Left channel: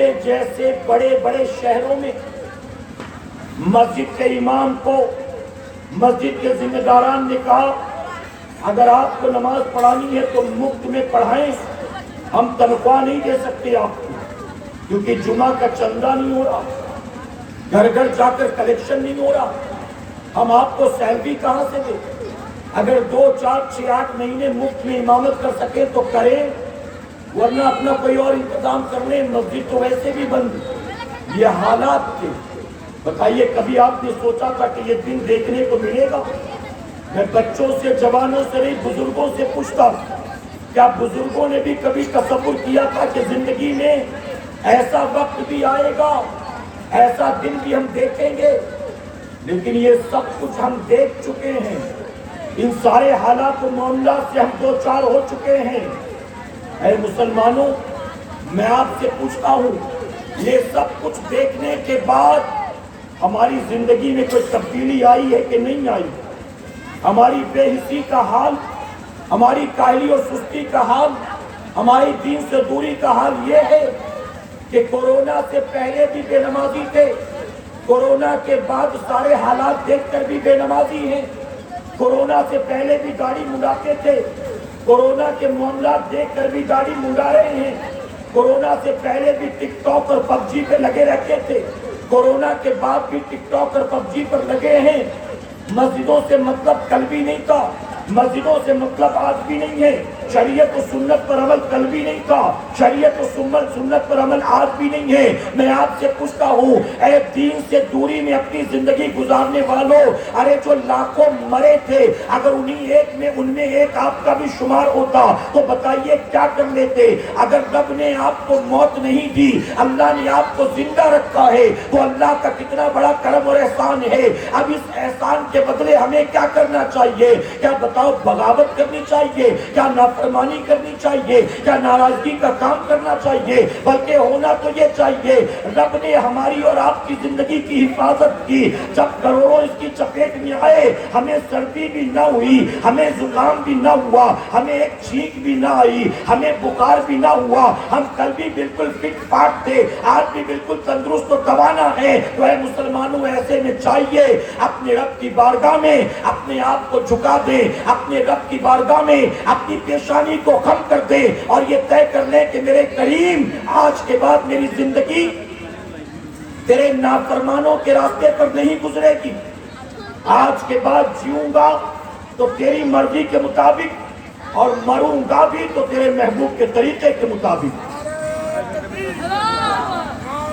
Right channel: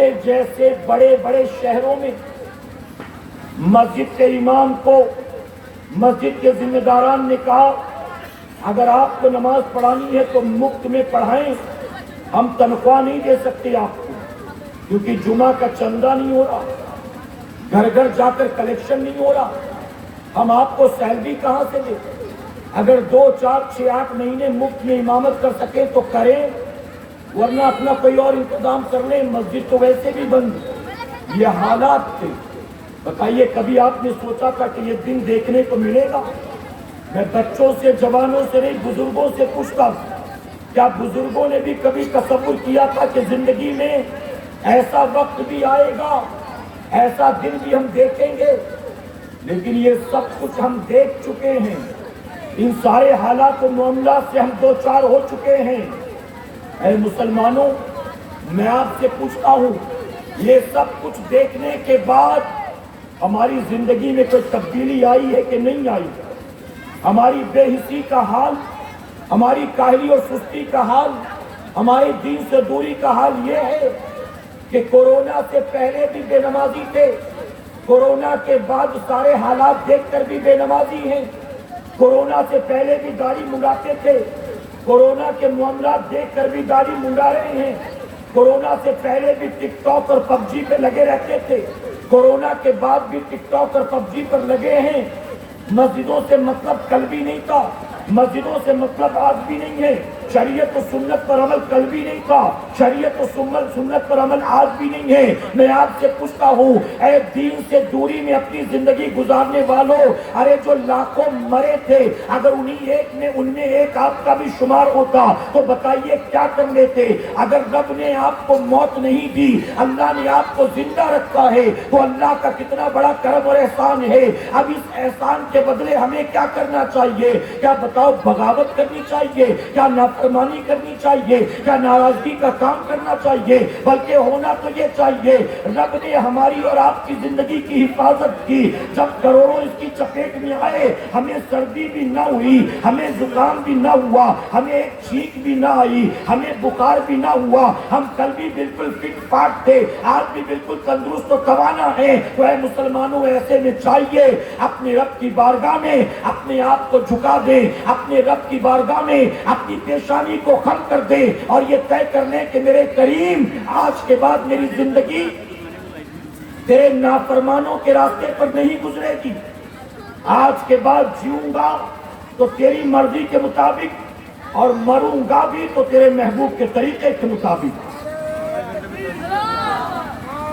بامبے جیسے بڑے بڑے شہروں میں مسجد کے امام کو مسجد کے ذمہ داران نے کہا اگر آپ کو نماز پڑھانی ہے تو مفت میں پڑھائیں، ہم تنخواہ نہیں دے سکتے آپ کو کیونکہ جمعہ کا چندہ نہیں ہو رہا، گھر گھر جا کر کلیکشن نہیں ہو رہا، ہم آپ کو سیلری کہاں سے دیں؟ اگر 2 4 6 8 مہینے مفت میں امامت کر سکیں تو کریں، ورنہ اپنا کوئی اور انتظام کر لیں، مسجد تو ویسے بھی بند۔ یہ حالات تھے۔ بتائیے کبھی آپ نے سوچا تھا کہ یہ دن دیکھنے کو ملے گا؟ میں بچوں سے، جوانوں سے نہیں، بزرگوں سے پوچھتا ہوں، کیا بزرگوں نے بھی کبھی تصور کیا تھا کہ زندگی میں ایسا وقت بھی آئے گا، ایسا دن بھی ہم دیکھیں گے؟ لیکن یہ سب کچھ ہم دیکھ چکے ہیں، ان سارے حالات و معاملات سے ہم دو چار ہو چکے ہیں۔ اے مسلمانوں، میں آپ سے پوچھتا ہوں، یہ سب کچھ دیکھنے کے بعد ہماری زندگی میں کوئی تبدیلی آئی ہے کہ نہیں آئی؟ ہماری بے حسی کا حال، ہماری کاہلی اور سستی کا حال، ہماری دین سے دوری کا حال یہ ہے کہ کورونا سے پہلے بھی بے نمازی تھے، کورونا کے بعد سارے حالات دیکھ کر بھی بے نمازی ہیں، کورونا سے پہلے بھی داڑھی منڈاتے تھے، کورونا کے معاملات دیکھ کر بھی داڑھی منڈا رہے ہیں، کورونا سے پہلے بھی ٹک ٹاک اور پب جی پہ لگے رہتے تھے، کورونا کے بعد بھی ٹک ٹاک اور پب جی پر لگے ہیں۔ مسجدوں سے مطلب کل بھی نہیں تھا، مسجدوں سے مطلب آج بھی نہیں ہے، شریعت و سنت پر عمل کل بھی نہیں تھا، شریعت و سنت پر عمل آج بھی نہیں ہے۔ میں آپ سے پوچھتا ہوں، اے دین سے دوری میں اپنی زندگی گزارنے والوں، ارے جو لاکھوں مرے تھے، اگر ان میں ایک آپ کا بھی شمار ہوتا تو بتائیے کیا کر لیتے؟ اگر رب نے آپ کو موت نہیں دی، اللہ نے آپ کو زندہ رکھا ہے، وہ اللہ کا کتنا بڑا کرم اور احسان ہے۔ اب اس احسان کے بدلے ہمیں کیا کرنا چاہیے؟ کیا بتاؤ، بغاوت کرنی چاہیے؟ کیا نافرمانی کرنی چاہیے؟ کیا ناراضگی کا کام کرنا چاہیے؟ بلکہ ہونا تو یہ چاہیے، رب نے ہماری اور آپ کی زندگی کی حفاظت کی، جب کروڑوں اس کی چپیٹ میں آئے، ہمیں سردی بھی نہ ہوئی، ہمیں زکام بھی نہ ہوا، ہمیں ایک چھینک بھی نہ آئی، ہمیں بخار بھی نہ ہوا، ہم کل بھی بالکل فٹ فاٹ تھے، آج بھی بالکل تندرست و توانا ہے۔ تو اے مسلمانوں، ایسے میں چاہیے اپنے رب کی بارگاہ میں اپنے آپ کو جھکا دیں، اپنے رب کی بارگاہ میں اپنی پیشانی کو خم کر دیں اور یہ طے کر لیں کہ میرے کریم، آج کے بعد میری زندگی تیرے نافرمانوں کے راستے پر نہیں گزرے گی، آج کے بعد جیوں گا تو تیری مرضی کے مطابق اور مروں گا بھی تو تیرے محبوب کے طریقے کے مطابق۔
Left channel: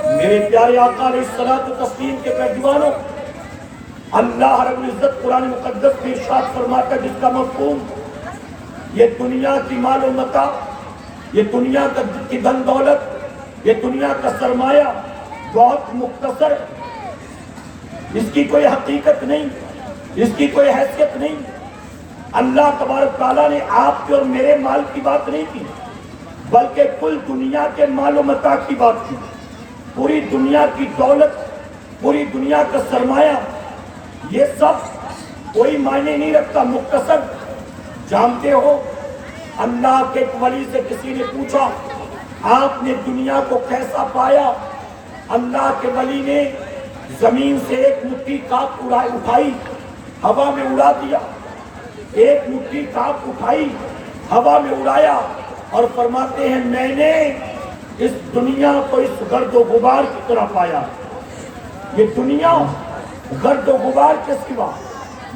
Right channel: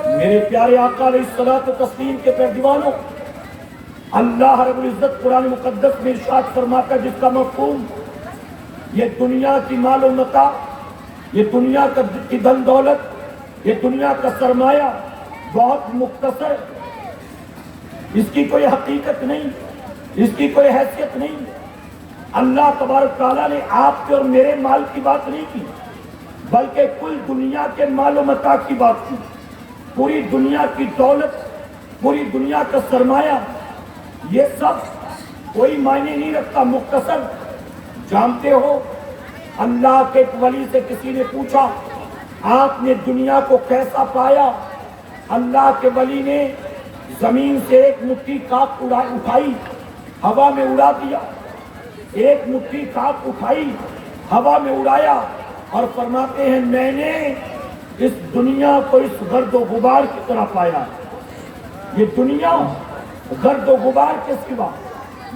میرے پیارے آقا علیہ الصلوۃ والتسلیم کے پیروانوں، اللہ رب العزت قرآن مقدس میں ارشاد فرماتا ہے، جس کا مفہوم یہ دنیا کی مال و متاع، یہ دنیا کی دھن دولت، یہ دنیا کا سرمایہ بہت مختصر، اس کی کوئی حقیقت نہیں، اس کی کوئی حیثیت نہیں۔ اللہ تبارک تعالیٰ نے آپ کے اور میرے مال کی بات نہیں کی، بلکہ کل دنیا کے مال و متاع کی بات کی۔ پوری دنیا کی دولت، پوری دنیا کا سرمایہ، یہ سب کوئی معنی نہیں رکھتا، مختصر۔ جانتے ہو، اللہ کے ولی سے کسی نے پوچھا، آپ نے دنیا کو کیسا پایا؟ اللہ کے ولی نے زمین سے ایک مٹھی خاک اٹھائی، ہوا میں اڑا دیا، ایک مٹھی خاک اٹھائی، ہوا میں اڑایا، اور فرماتے ہیں میں نے اس دنیا کو اس گرد و غبار کی طرح پایا۔ یہ دنیا گرد و غبار کے سوا،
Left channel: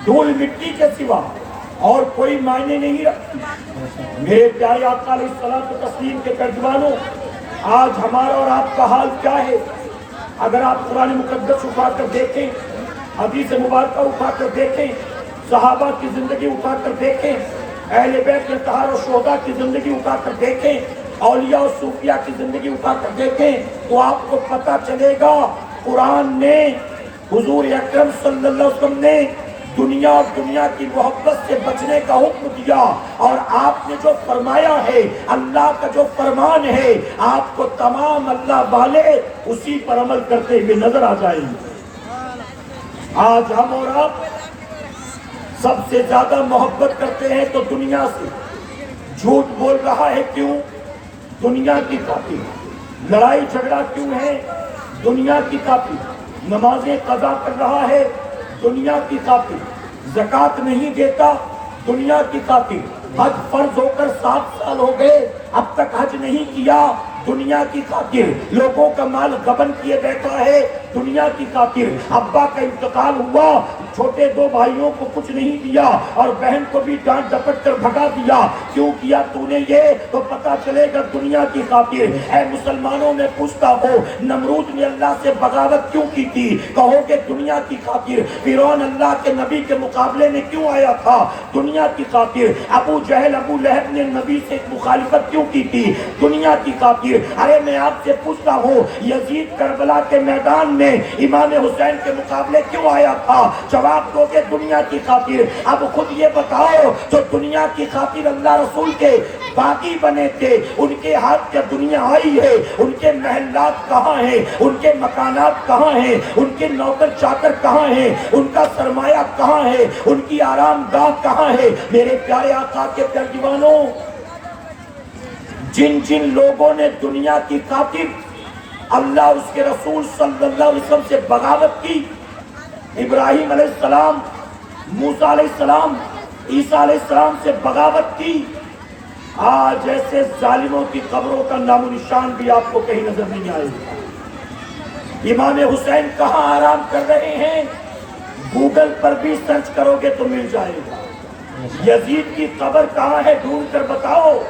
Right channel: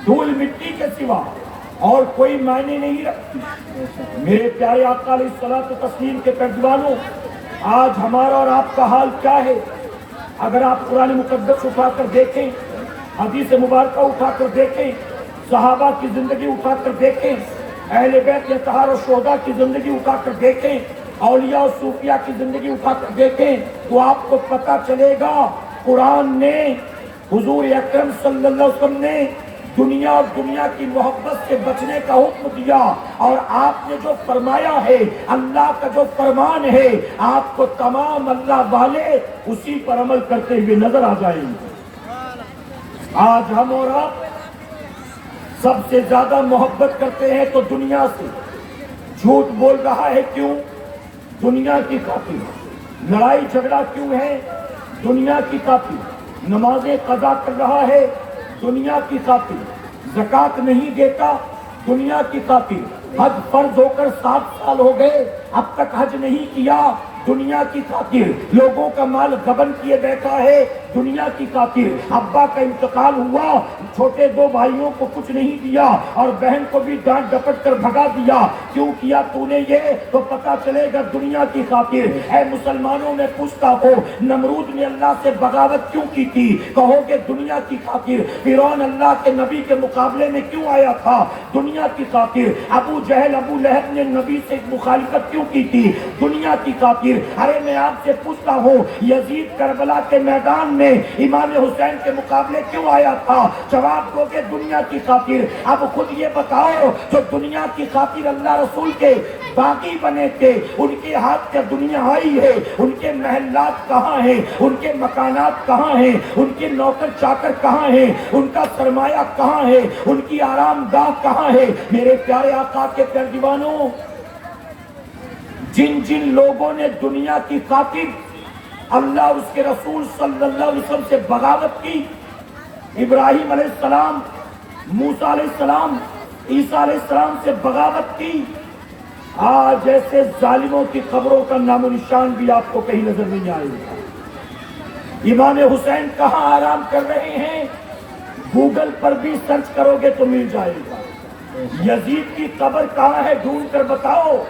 دھول مٹی کے سوا اور کوئی معنی نہیں رکھتی۔ میرے پیارے آقا علیہ الصلوۃ والتسلیم کے پیروانوں، آج ہمارا اور آپ کا حال کیا ہے؟ اگر آپ قرآن مقدس اٹھا کر دیکھیں، حدیث مبارکہ اٹھا کر دیکھیں، صحابہ کی زندگی اٹھا کر دیکھیں، اہل بیت اطہار و شہداء کی زندگی اٹھا کر دیکھیں، اولیاء و صوفیاء کی زندگی اٹھا کر دیکھیں، تو آپ کو پتہ چلے گا قرآن نے، حضور اکرم صلی اللہ علیہ وسلم نے دنیا اور دنیا کی محبت سے بچنے کا حکم دیا، اور آپ نے جو فرمایا ہے، اللہ کا جو فرمان ہے، آپ کو تمام اللہ والے اسی پر عمل کرتے ہوئے نظر آ جائیں گے۔ آج ہم اور آپ سب سے زیادہ محبت کرتے ہیں تو دنیا سے، جھوٹ بول رہا ہے کیوں؟ دنیا کی خاطر۔ لڑائی جھگڑا کیوں ہے؟ دنیا کی خاطر نمازیں قضا کر رہا ہے، دنیا کی خاطر زکوٰۃ نہیں دیتا، دنیا کی خاطر حج فرض ہو کر 7 سال ہو گئے اب تک حج نہیں کیا، دنیا کی خاطر لوگوں کا مال غبن کیے بیٹھا ہے، دنیا کی خاطر ابا کا انتقال ہوا، چھوٹے 2 بھائیوں کو کچھ نہیں دیا اور بہن کو بھی ڈانٹ ڈپٹ کر بھگا دیا، کیوں کیا تو نے یہ؟ تو پتا چلے گا دنیا کی خاطر۔ اے مسلمانوں میں پوچھتا ہو نمرود نے اللہ سے بغاوت کیوں کی تھی؟ کہو گے دنیا کی خاطر۔ فرعون اللہ کے نبی کے مقابلے میں کیوں آیا تھا؟ دنیا کی خاطر۔ ابو جہل ابو لہب نے نبی سے مخالفت کیوں کی تھی؟ دنیا کی خاطر۔ ارے میں آپ سے پوچھتا ہوں یزید کربلا کے میدان میں امام حسین کے مقابلے کیوں آیا تھا؟ جواب دو گے دنیا کی خاطر۔ اب خود یہ بتاؤ جو دنیا کی خاطر اللہ رسول کے باغی بنے تھے، ان کے ہاتھ کا دنیا آئی ہے، ان کے محلات کہاں ہیں؟ ان کے مکانات کہاں ہیں؟ ان کے نوکر چاکر کہاں ہیں؟ ان کا سرمایہ کہاں ہے؟ ان کی آرام گاہ کہاں ہے؟ میرے پیارے آقا کے پیارے دیوانوں، جن جن لوگوں نے دنیا کی خاطر اللہ اور اس کے رسول صلی اللہ علیہ وسلم سے بغاوت کی، ابراہیم علیہ السلام، موسیٰ علیہ السلام، عیسیٰ علیہ السلام سے بغاوت کی، آج ایسے ظالموں کی قبروں کا نام و نشان بھی آپ کو کہیں نظر نہیں آئے گا۔ امام حسین کہاں آرام کر رہے ہیں؟ گوگل پر بھی سرچ کرو گے تو مل جائے گا۔ یزید کی قبر کہاں ہے ڈھونڈ کر بتاؤ،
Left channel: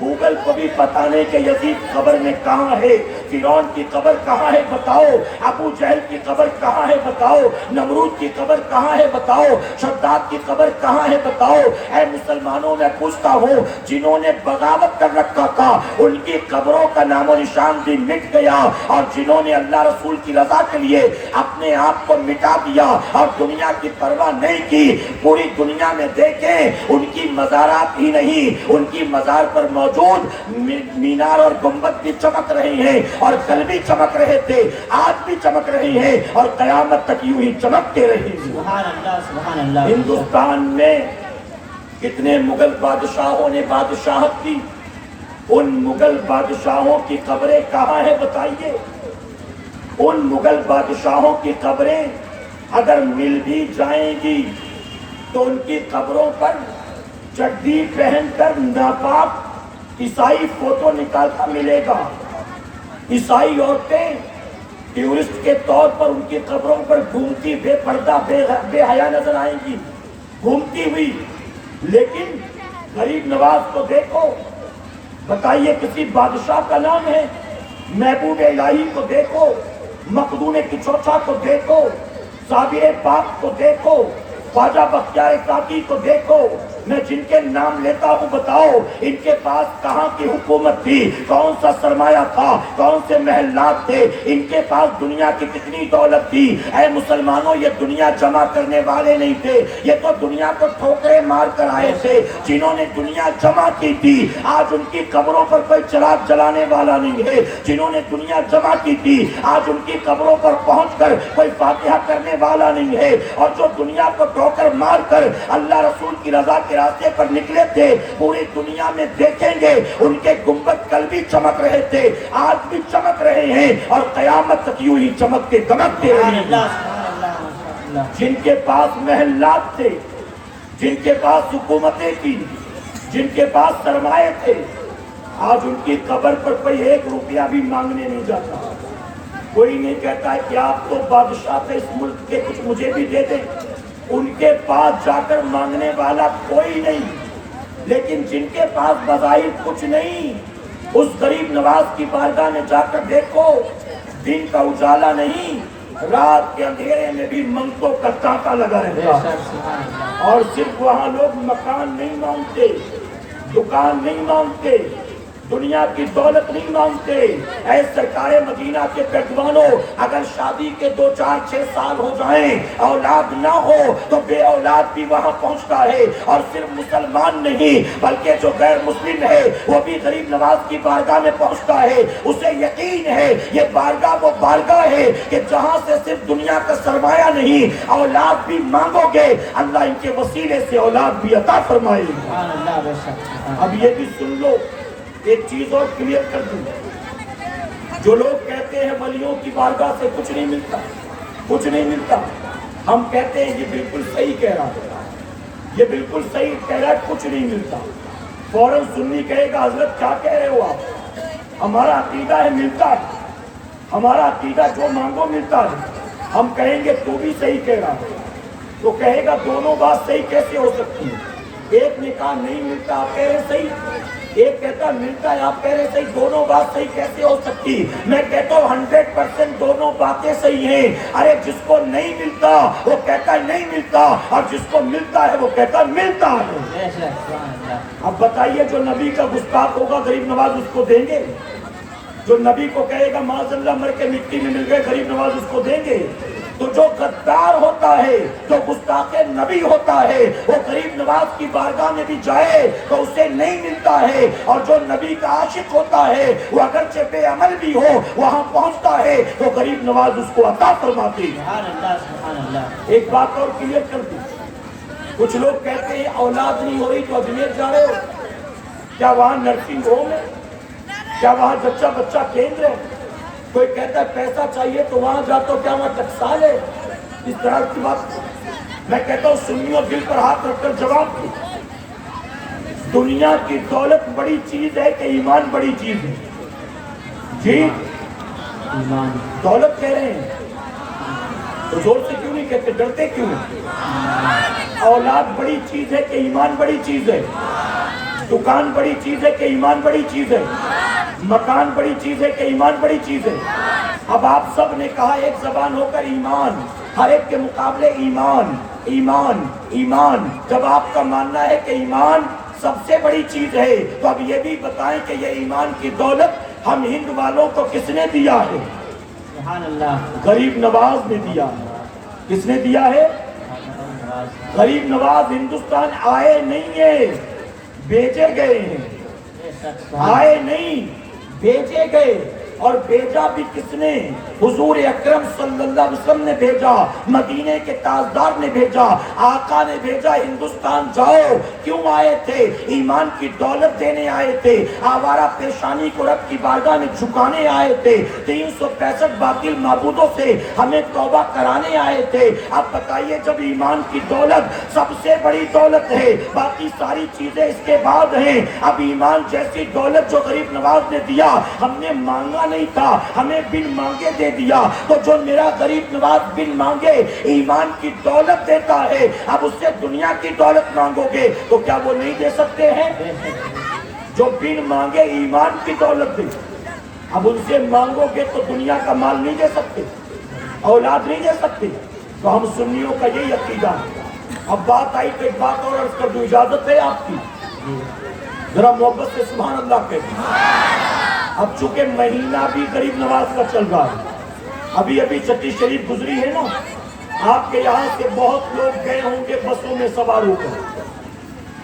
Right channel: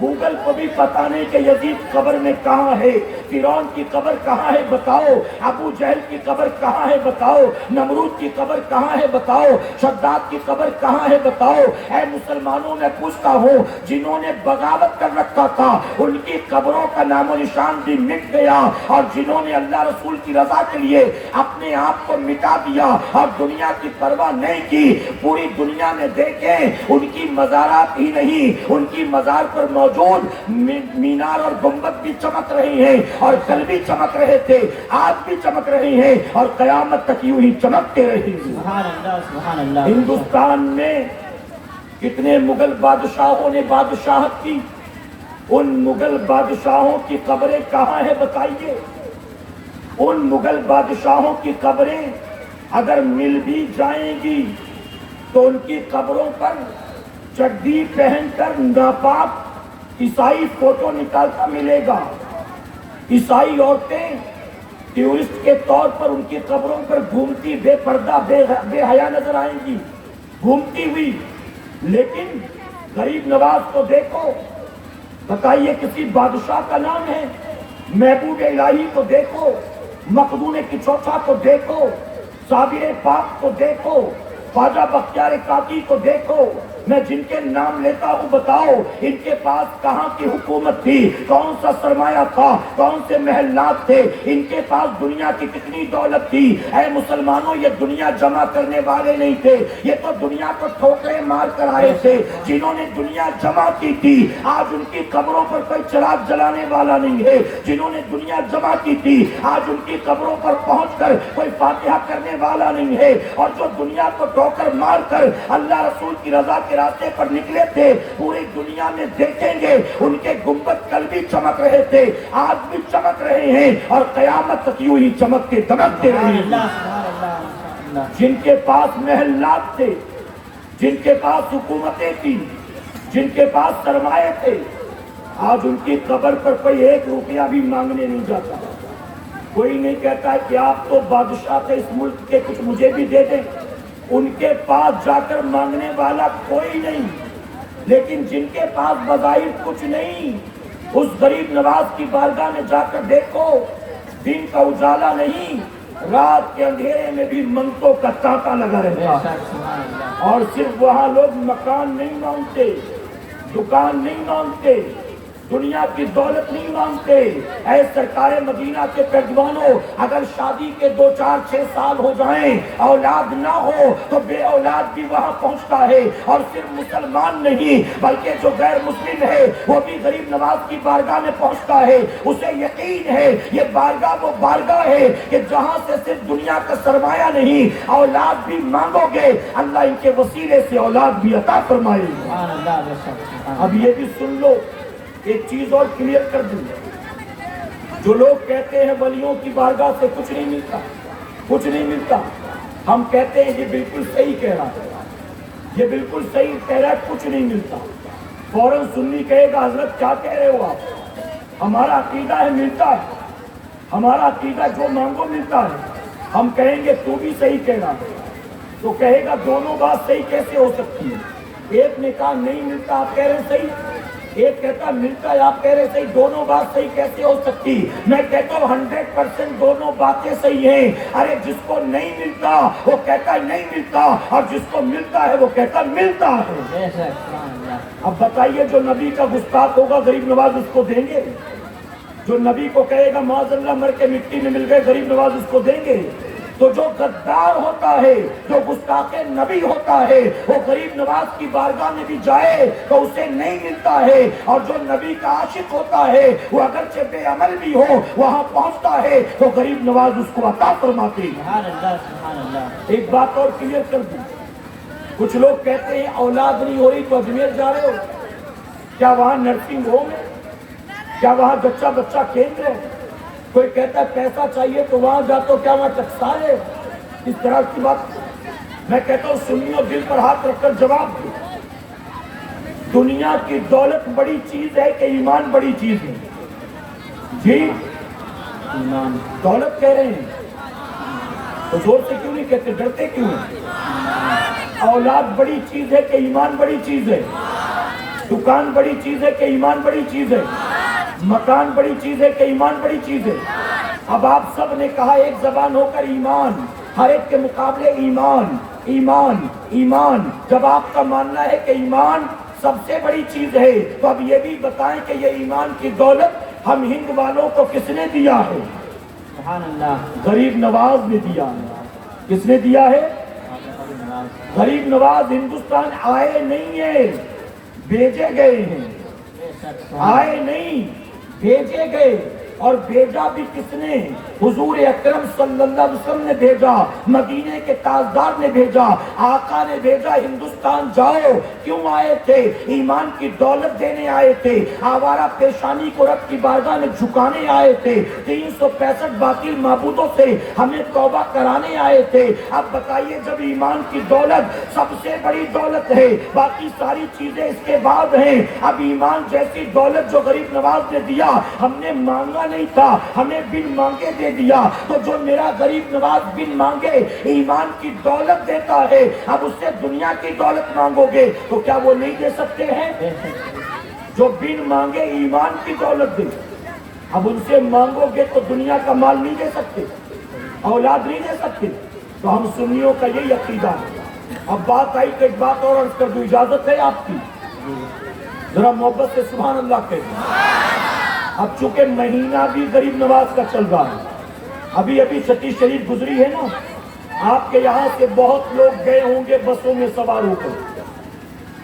گوگل کو بھی پتہ نہیں کہ یزید قبر میں کہاں ہے، فرعون کی قبر کہاں ہے بتاؤ، ابو جہل کی قبر کہاں ہے بتاؤ، نمرود کی قبر کہاں ہے بتاؤ، شداد کی قبر کہاں ہے بتاؤ۔ اے مسلمانوں میں پوچھتا ہوں جنہوں نے بغاوت کر رکھا تھا ان کی قبروں کا نام و نشان بھی مٹ گیا، اور جنہوں نے اللہ رسول کی رضا کے لیے اپنے آپ کو مٹا دیا اور دنیا کی پرواہ نہیں کی، پوری دنیا میں دیکھیں ان کی مزارات ہی نہیں، ان کی مزار پر موجود مینار اور گنبد بھی چمک رہے ہیں، اور کل بھی چمک رہے تھے، آج بھی چمک رہے ہیں، اور قیامت تک یوں ہی چمکتے رہے ہیں۔ سبحان اللہ سبحان اللہ۔ ہندوستان میں کتنے مغل بادشاہوں نے بادشاہت کی، ان مغل بادشاہوں کی قبریں کہاں ہیں بتائیے؟ ان مغل بادشاہوں کی قبریں اگر مل بھی جائیں گی تو ان کی قبروں پر چڈی پہن کر ناپاک عیسائی فوٹو نکالتا ملے گا۔ عیسائی عورتیں ٹورسٹ کے طور پر ان کی قبروں پر گھومتی بے پردہ بے حیا نظر آئیں گی، گھومتی ہوئی۔ لیکن غریب نواز کو دیکھو، بتائیے کسی بادشاہ کا نام ہے؟ محبوب الہی کو دیکھو، مخدوم کی چوچا کو دیکھو، صابر پاک کو دیکھو، خواجہ بختیار کاکی کو دیکھو، میں جن کے نام لیتا ہوں بتاؤ ان کے پاس کہاں کی حکومت تھی، کون سا سرمایہ تھا، کون سے محلات تھے، ان کے پاس دنیا کی کتنی دولت تھی؟ اے مسلمانوں، یہ دنیا جمع کرنے والے نہیں تھے، یہ تو دنیا کو ٹھوکریں مار کر آئے تھے۔ جنہوں نے دنیا جمع کی تھی آج ان کی قبروں پر کوئی چراغ جلانے والا نہیں ہے، جنہوں نے دنیا جمع کی تھی آج ان کی قبروں پر پہنچ کر کوئی فاتحہ کرنے والا نہیں ہے، اور جو دنیا کو ٹھوکر مار کر اللہ رسول کی رضا کے راستے پر نکلے تھے پوری دنیا میں دیکھیں گے ان کے گنبد کل بھی چمک رہے تھے، آج بھی چمک رہے ہیں، اور قیامت تک یوں ہی چمکتے دمکتے رہیں گے۔ جن کے پاس محلات تھے، جن کے پاس حکومتیں تھی، جن کے پاس سرمایہ تھے، آج ان کی قبر پر کوئی 1 روپیہ بھی مانگنے نہیں جاتا۔ کوئی نہیں کہتا ہے کہ آپ تو بادشاہ تھے اس ملک کے، کچھ مجھے بھی دے دیں۔ ان کے پاس جا کر مانگنے والا کوئی نہیں، لیکن جن کے پاس بظاہر کچھ نہیں، اس غریب نواز کی بارگاہ میں جا کر دیکھو، دن کا اجالا نہیں، رات کے اندھیرے میں بھی منگتوں کا تانتا لگا رہتا ہے۔ اور صرف وہاں لوگ مکان نہیں مانگتے، دکان نہیں مانگتے، دنیا کی دولت نہیں مانگتے۔ اے سرکار مدینہ کے پیروانوں، اگر شادی کے 2 4 6 سال ہو جائیں اولاد نہ ہو تو بے اولاد بھی وہاں پہنچتا ہے، اور صرف مسلمان نہیں بلکہ جو غیر مسلم ہے وہ بھی غریب نواز کی بارگاہ میں پہنچتا ہے۔ اسے یقین ہے یہ بارگاہ وہ بارگاہ ہے کہ جہاں سے صرف دنیا کا سرمایہ نہیں اولاد بھی مانگو گے اللہ ان کے وسیلے سے اولاد بھی عطا فرمائے گا۔ اب یہ بھی سن لو، ایک چیز اور کلیئر کر دوں، جو لوگ کہتے ہیں ولیوں کی بارگاہ سے کچھ نہیں ملتا، کچھ نہیں ملتا، ہم کہتے ہیں یہ بالکل صحیح کہہ رہا ہے، یہ بالکل صحیح کہہ رہا ہے، کچھ نہیں ملتا۔ فوراً سنی کہے گا حضرت کیا کہہ رہے ہو آپ؟ ہمارا عقیدہ ہے ملتا ہے، ہمارا عقیدہ جو مانگو ملتا ہے۔ ہم کہیں گے تو بھی صحیح کہہ رہا ہے، تو کہے گا دونوں بات صحیح کیسے ہو سکتی ہے؟ ایک نے کہا نہیں ملتا، آپ کہہ رہے صحیح، ایک کہتا ملتا ہے، آپ کہہ رہے صحیح، دونوں بات صحیح کیسے ہو سکتی؟ میں کہتا ہوں 100% دونوں باتیں صحیح ہیں۔ ارے جس کو نہیں ملتا وہ کہتا ہے نہیں ملتا، اور جس کو ملتا ہے وہ کہتا ہے ملتا ہے۔ اب بتائیے جو نبی کا گستاخ ہوگا غریب نواز اس کو دیں گے؟ جو نبی کو کہے گا معاذ اللہ مر کے مٹی میں مل گئے غریب نواز اس کو دیں گے؟ تو جو غدار ہوتا ہے، جو گستاخ نبی ہوتا ہے، وہ غریب نواز کی بارگاہ میں بھی جائے تو اسے نہیں ملتا ہے، اور جو نبی کا عاشق ہوتا ہے وہ اگرچہ بے عمل بھی ہو وہاں پہنچتا ہے تو غریب نواز اس کو عطا فرماتے ہیں۔ ایک بات اور کلیئر کر دوں، کچھ لوگ کہتے ہیں اولاد نہیں ہو رہی تو اجمیر جا رہے ہو، کیا وہاں نرسنگ ہوم ہے؟ کیا وہاں بچہ کیندر ہے؟ کوئی کہتا ہے پیسہ چاہیے تو وہاں جاتا، کیا وہاں ٹکسال ہے؟ اس طرح کی بات میں کہتا ہوں سنیوں دل پر ہاتھ رکھ کر جواب دو۔ دنیا کی دولت بڑی چیز ہے کہ ایمان بڑی چیز ہے؟ جی ایمان، دولت کہہ رہے ہیں تو زور سے کیوں نہیں کہتے، ڈرتے کیوں ہیں؟ اولاد بڑی چیز ہے کہ ایمان بڑی چیز ہے؟ دکان بڑی چیز ہے کہ ایمان بڑی چیز ہے؟ مکان بڑی چیز ہے کہ ایمان بڑی چیز ہے؟ اب آپ سب نے کہا ایک زبان ہو کر ایمان، ہر ایک کے مقابلے ایمان ایمان ایمان۔ جب آپ کا ماننا ہے کہ ایمان سب سے بڑی چیز ہے تو اب یہ بھی بتائیں کہ یہ ایمان کی دولت ہم ہند والوں کو کس نے دیا ہے؟ سبحان اللہ، غریب نواز نے دیا ہے۔ کس نے دیا ہے؟ غریب نواز ہندوستان آئے نہیں ہیں، بھیجے گئے ہیں، آئے نہیں بھیجے گئے، اور بھیجا بھی کس نے؟ حضور اکرم صلی اللہ علیہ وسلم نے بھیجا، مدینے کے تاجدار نے بھیجا، آقا نے بھیجا ہندوستان جاؤ۔ کیوں آئے تھے؟ ایمان کی دولت دینے آئے تھے، آوارہ پیشانی کو رب کی بارگاہ میں جھکانے آئے تھے، 365 باطل معبودوں سے ہمیں توبہ کرانے آئے تھے۔ اب بتائیے جب ایمان کی دولت سب سے بڑی دولت ہے، باقی ساری چیزیں اس کے بعد ہیں، اب ایمان جیسی دولت جو غریب نواز نے دیا، ہم نے مانگا نہیں تھا، ہمیں بن مانگے دے دیا، تو جو میرا غریب نواز بن مانگے ایمان کی دولت دیتا ہے، اب اس سے دنیا کی دولت مانگو گے تو کیا وہ نہیں دے سکتے ہیں؟ جو بن مانگے ایمان کی دولت دے، اب ان سے مانگو گے تو دنیا کا مال نہیں دے سکتے، اولاد نہیں دے سکتے۔ تو ہم سنیوں کا یہی عقیدہ ہے۔ اب بات آئی تو ایک بات اور عرض کر دوں، اجازت ہے آپ کی؟ ذرا محبت سے سبحان اللہ کہتے۔ اب چونکہ مہینہ بھی غریب نواز کا چل رہا ہے، ابھی چھٹی شریف گزری ہے نا، آپ کے یہاں سے بہت لوگ گئے ہوں گے بسوں میں سوار ہو کر،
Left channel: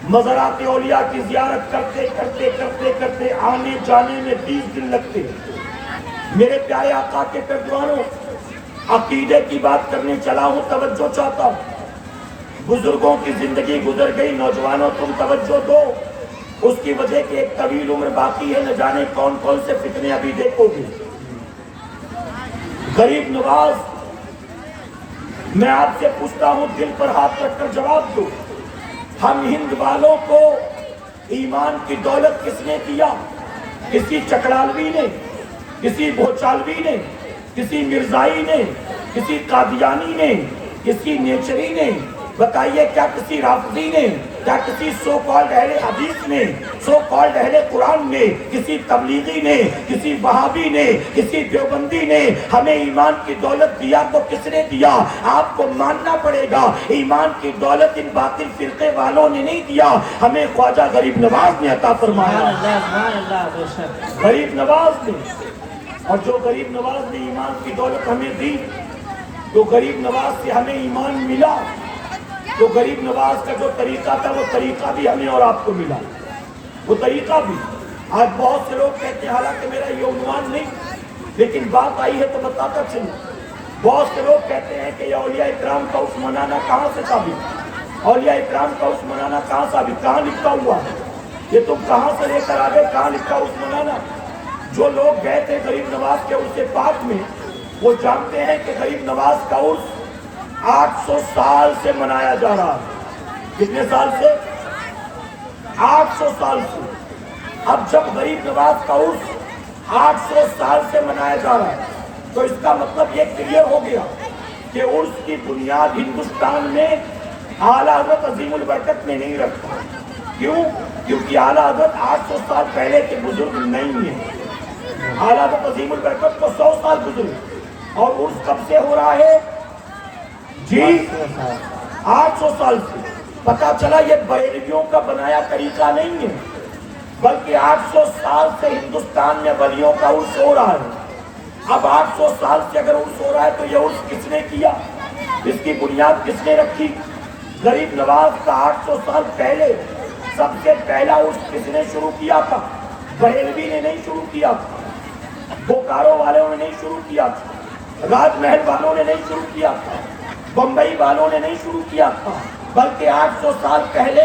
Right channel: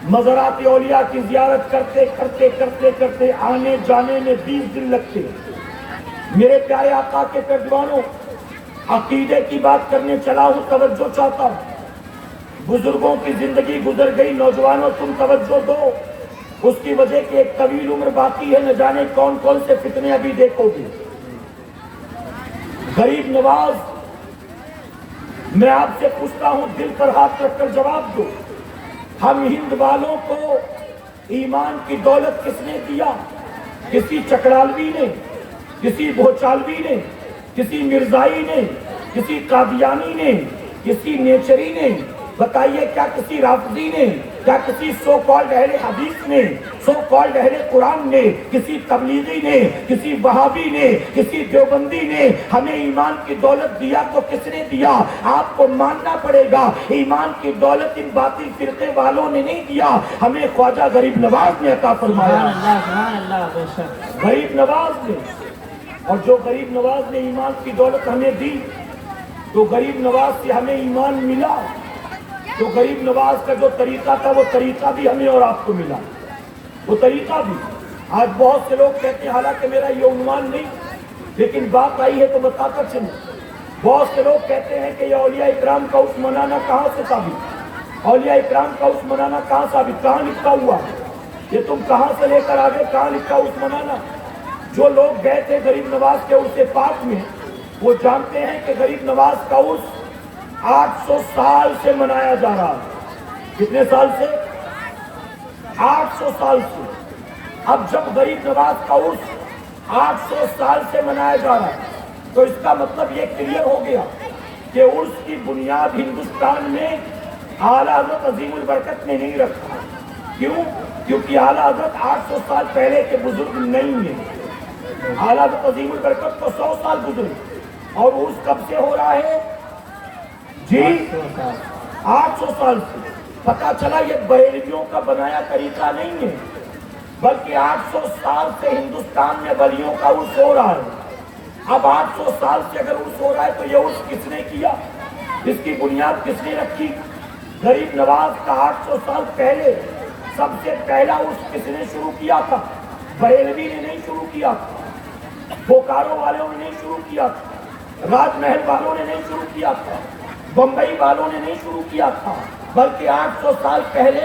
مزارات اولیاء کی زیارت کرتے کرتے کرتے کرتے آنے جانے میں 20 دن لگتے ہیں۔ میرے پیارے آقا کے پیروانوں، عقیدے کی بات کرنے چلا ہوں، توجہ چاہتا ہوں۔ بزرگوں کی زندگی گزر گئی، نوجوانوں تم توجہ دو، اس کی وجہ کہ ایک طویل عمر باقی ہے، نہ جانے کون کون سے فتنے ابھی دیکھو گے۔ غریب نواز، میں آپ سے پوچھتا ہوں، دل پر ہاتھ رکھ کر جواب دو، ہم ہند والوں کو ایمان کی دولت کس نے دیا؟ کسی چکڑالوی نے، کسی بھوچالوی نے، کسی مرزائی نے، کسی قادیانی نے، کسی نیچری نے؟ بتائیے کیا کسی رافضی نے، کیا کسی سو کالڈ اہل حدیث نے، سو کالڈ اہل قرآن نے، کسی تبلیغی نے، کسی وہابی نے، کسی دیوبندی نے ہمیں ایمان کی دولت دیا تو کس نے دیا؟ آپ کو ماننا پڑے گا ایمان کی دولت ان باطل فرقے والوں نے نہیں دیا، ہمیں خواجہ غریب نواز نے عطا فرمایا، غریب نواز نے۔ اور جو غریب نواز نے ایمان کی دولت ہمیں دی، تو غریب نواز سے ہمیں ایمان ملا، تو غریب نواز کا جو طریقہ تھا وہ طریقہ بھی ہمیں اور آپ کو ملا، وہ طریقہ بھی۔ آج بہت سے لوگ کہتے ہیں، حالانکہ میرا یہ عنوان نہیں، لیکن بات آئی ہے تو بتاتا چلوں۔ بہت سے لوگ کہتے ہیں کہ یہ اولیاء اکرام کا اس منانا کہاں سے ثابت؟ اولیاء اکرام کا اس منانا کہاں ثابت؟ کہاں لکھا ہوا؟ یہ تم کہاں سے لے کر آگے، کہاں لکھا اس منانا؟ جو لوگ گئے تھے غریب نواز کے عرص پاک میں وہ جانتے ہیں کہ غریب نواز کا عرص 800 سال سے منایا جا رہا ہے۔ کتنے سال سے؟ 800 سال سے۔ اب جب غریب نواز کا عرص 800 سال سے منایا جا رہا ہے تو اس کا مطلب یہ کلیئر ہو گیا کہ عرس کی بنیاد ہندوستان میں اعلیٰ حضرت عظیم البرکت نے نہیں رکھا۔ کیوں؟ کیونکہ اعلیٰ حضرت 800 سال پہلے کے بزرگ نہیں ہیں۔ اعلیٰ حضرت عظیم البرکت کو 100 سال گزرے اور عرس کب سے ہو رہا ہے؟ جی 800 سال سے۔ پتا چلا یہ بریلویوں کا بنایا طریقہ نہیں ہے، بلکہ 800 سال سے ہندوستان میں ولیوں کا عرس ہو رہا ہے۔ اب 800 سال سے اگر عرس ہو رہا ہے تو یہ عرس کس نے کیا؟ اس کی بنیاد کس نے رکھی؟ غریب نواز کا 800 سال پہلے سب سے پہلا عرس کس نے شروع کیا تھا؟ بریلوی نے نہیں شروع کیا تھا، بوکارو والوں نے نہیں شروع کیا تھا، راج محل والوں نے نہیں شروع کیا تھا، بمبئی والوں نے نہیں شروع کیا تھا، بلکہ 800 سال پہلے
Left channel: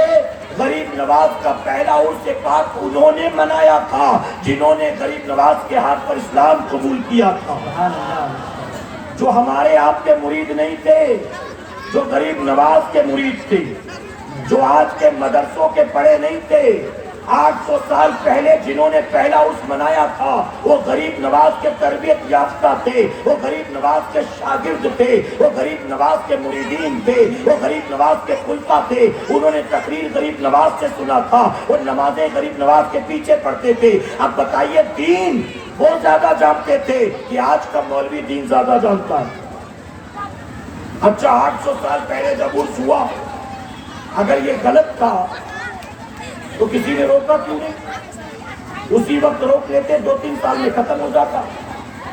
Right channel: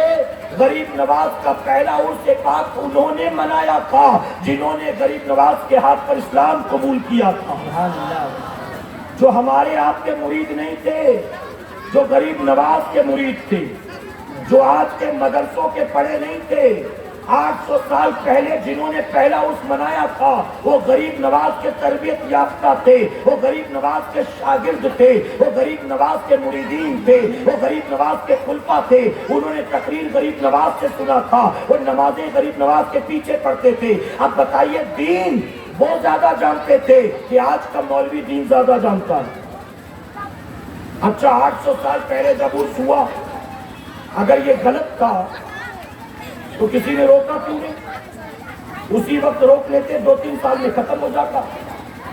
غریب نواز کا پہلا عرس پاک انہوں نے منایا تھا جنہوں نے غریب نواز کے ہاتھ پر اسلام قبول کیا تھا۔ جو ہمارے آپ کے مرید نہیں تھے، جو غریب نواز کے مرید تھے، جو آج کے مدرسوں کے پڑھے نہیں تھے، 800 سال پہلے جنہوں نے پہلا عرس منایا تھا وہ غریب نواز کے تربیت یافتہ تھے، وہ غریب نواز کے شاگرد تھے، وہ غریب نواز کے مریدین تھے، وہ غریب نواز کے خلفاء تھے۔ انہوں نے تقریر غریب نواز سے سنا تھا، وہ نمازیں غریب نواز کے پیچھے پڑھتے تھے۔ اب بتائیے دین وہ زیادہ جانتے تھے کہ آج کا مولوی دین زیادہ جانتا ہے؟ اچھا 800 سال پہلے جب عرس ہوا اگر یہ غلط تھا تو کسی نے روکا کیوں نہیں؟ اسی وقت روک لیتے 2-3 سال میں ختم ہو جاتا،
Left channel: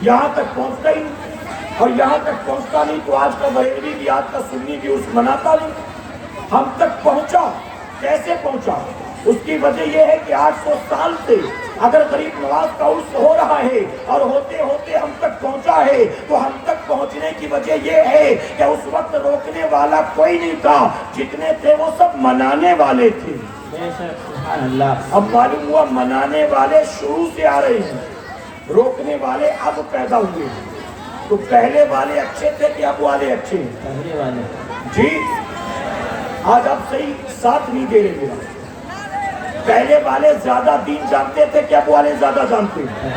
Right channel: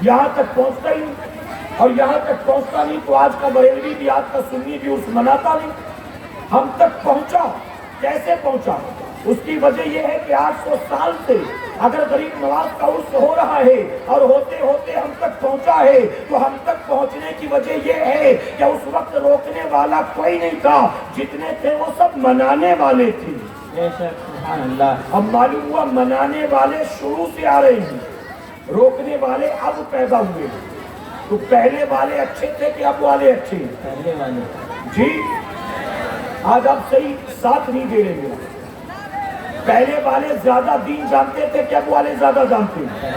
یہاں تک پہنچتا ہی نہیں، اور یہاں تک پہنچتا نہیں تو آج کا بریلوی بھی آج کا سنی بھی عرس مناتا نہیں۔ ہم تک پہنچا، کیسے پہنچا؟ اس کی وجہ یہ ہے کہ 800 سال سے اگر غریب نواز کا عرس ہو رہا ہے اور ہوتے ہوتے ہم تک پہنچا ہے تو ہم تک پہنچنے کی وجہ یہ ہے کہ اس وقت روکنے والا کوئی نہیں تھا، جتنے تھے وہ سب منانے والے تھے۔ اب معلوم ہوا منانے والے شروع سے آ رہے ہیں، روکنے والے اب پیدا ہوئے۔ تو پہلے والے اچھے تھے کہ اب والے اچھے ہیں؟ جی آج آپ صحیح ساتھ نہیں دے رہے ہیں۔ پہلے والے زیادہ دین جانتے تھے کہ اب والے زیادہ جانتے ہیں؟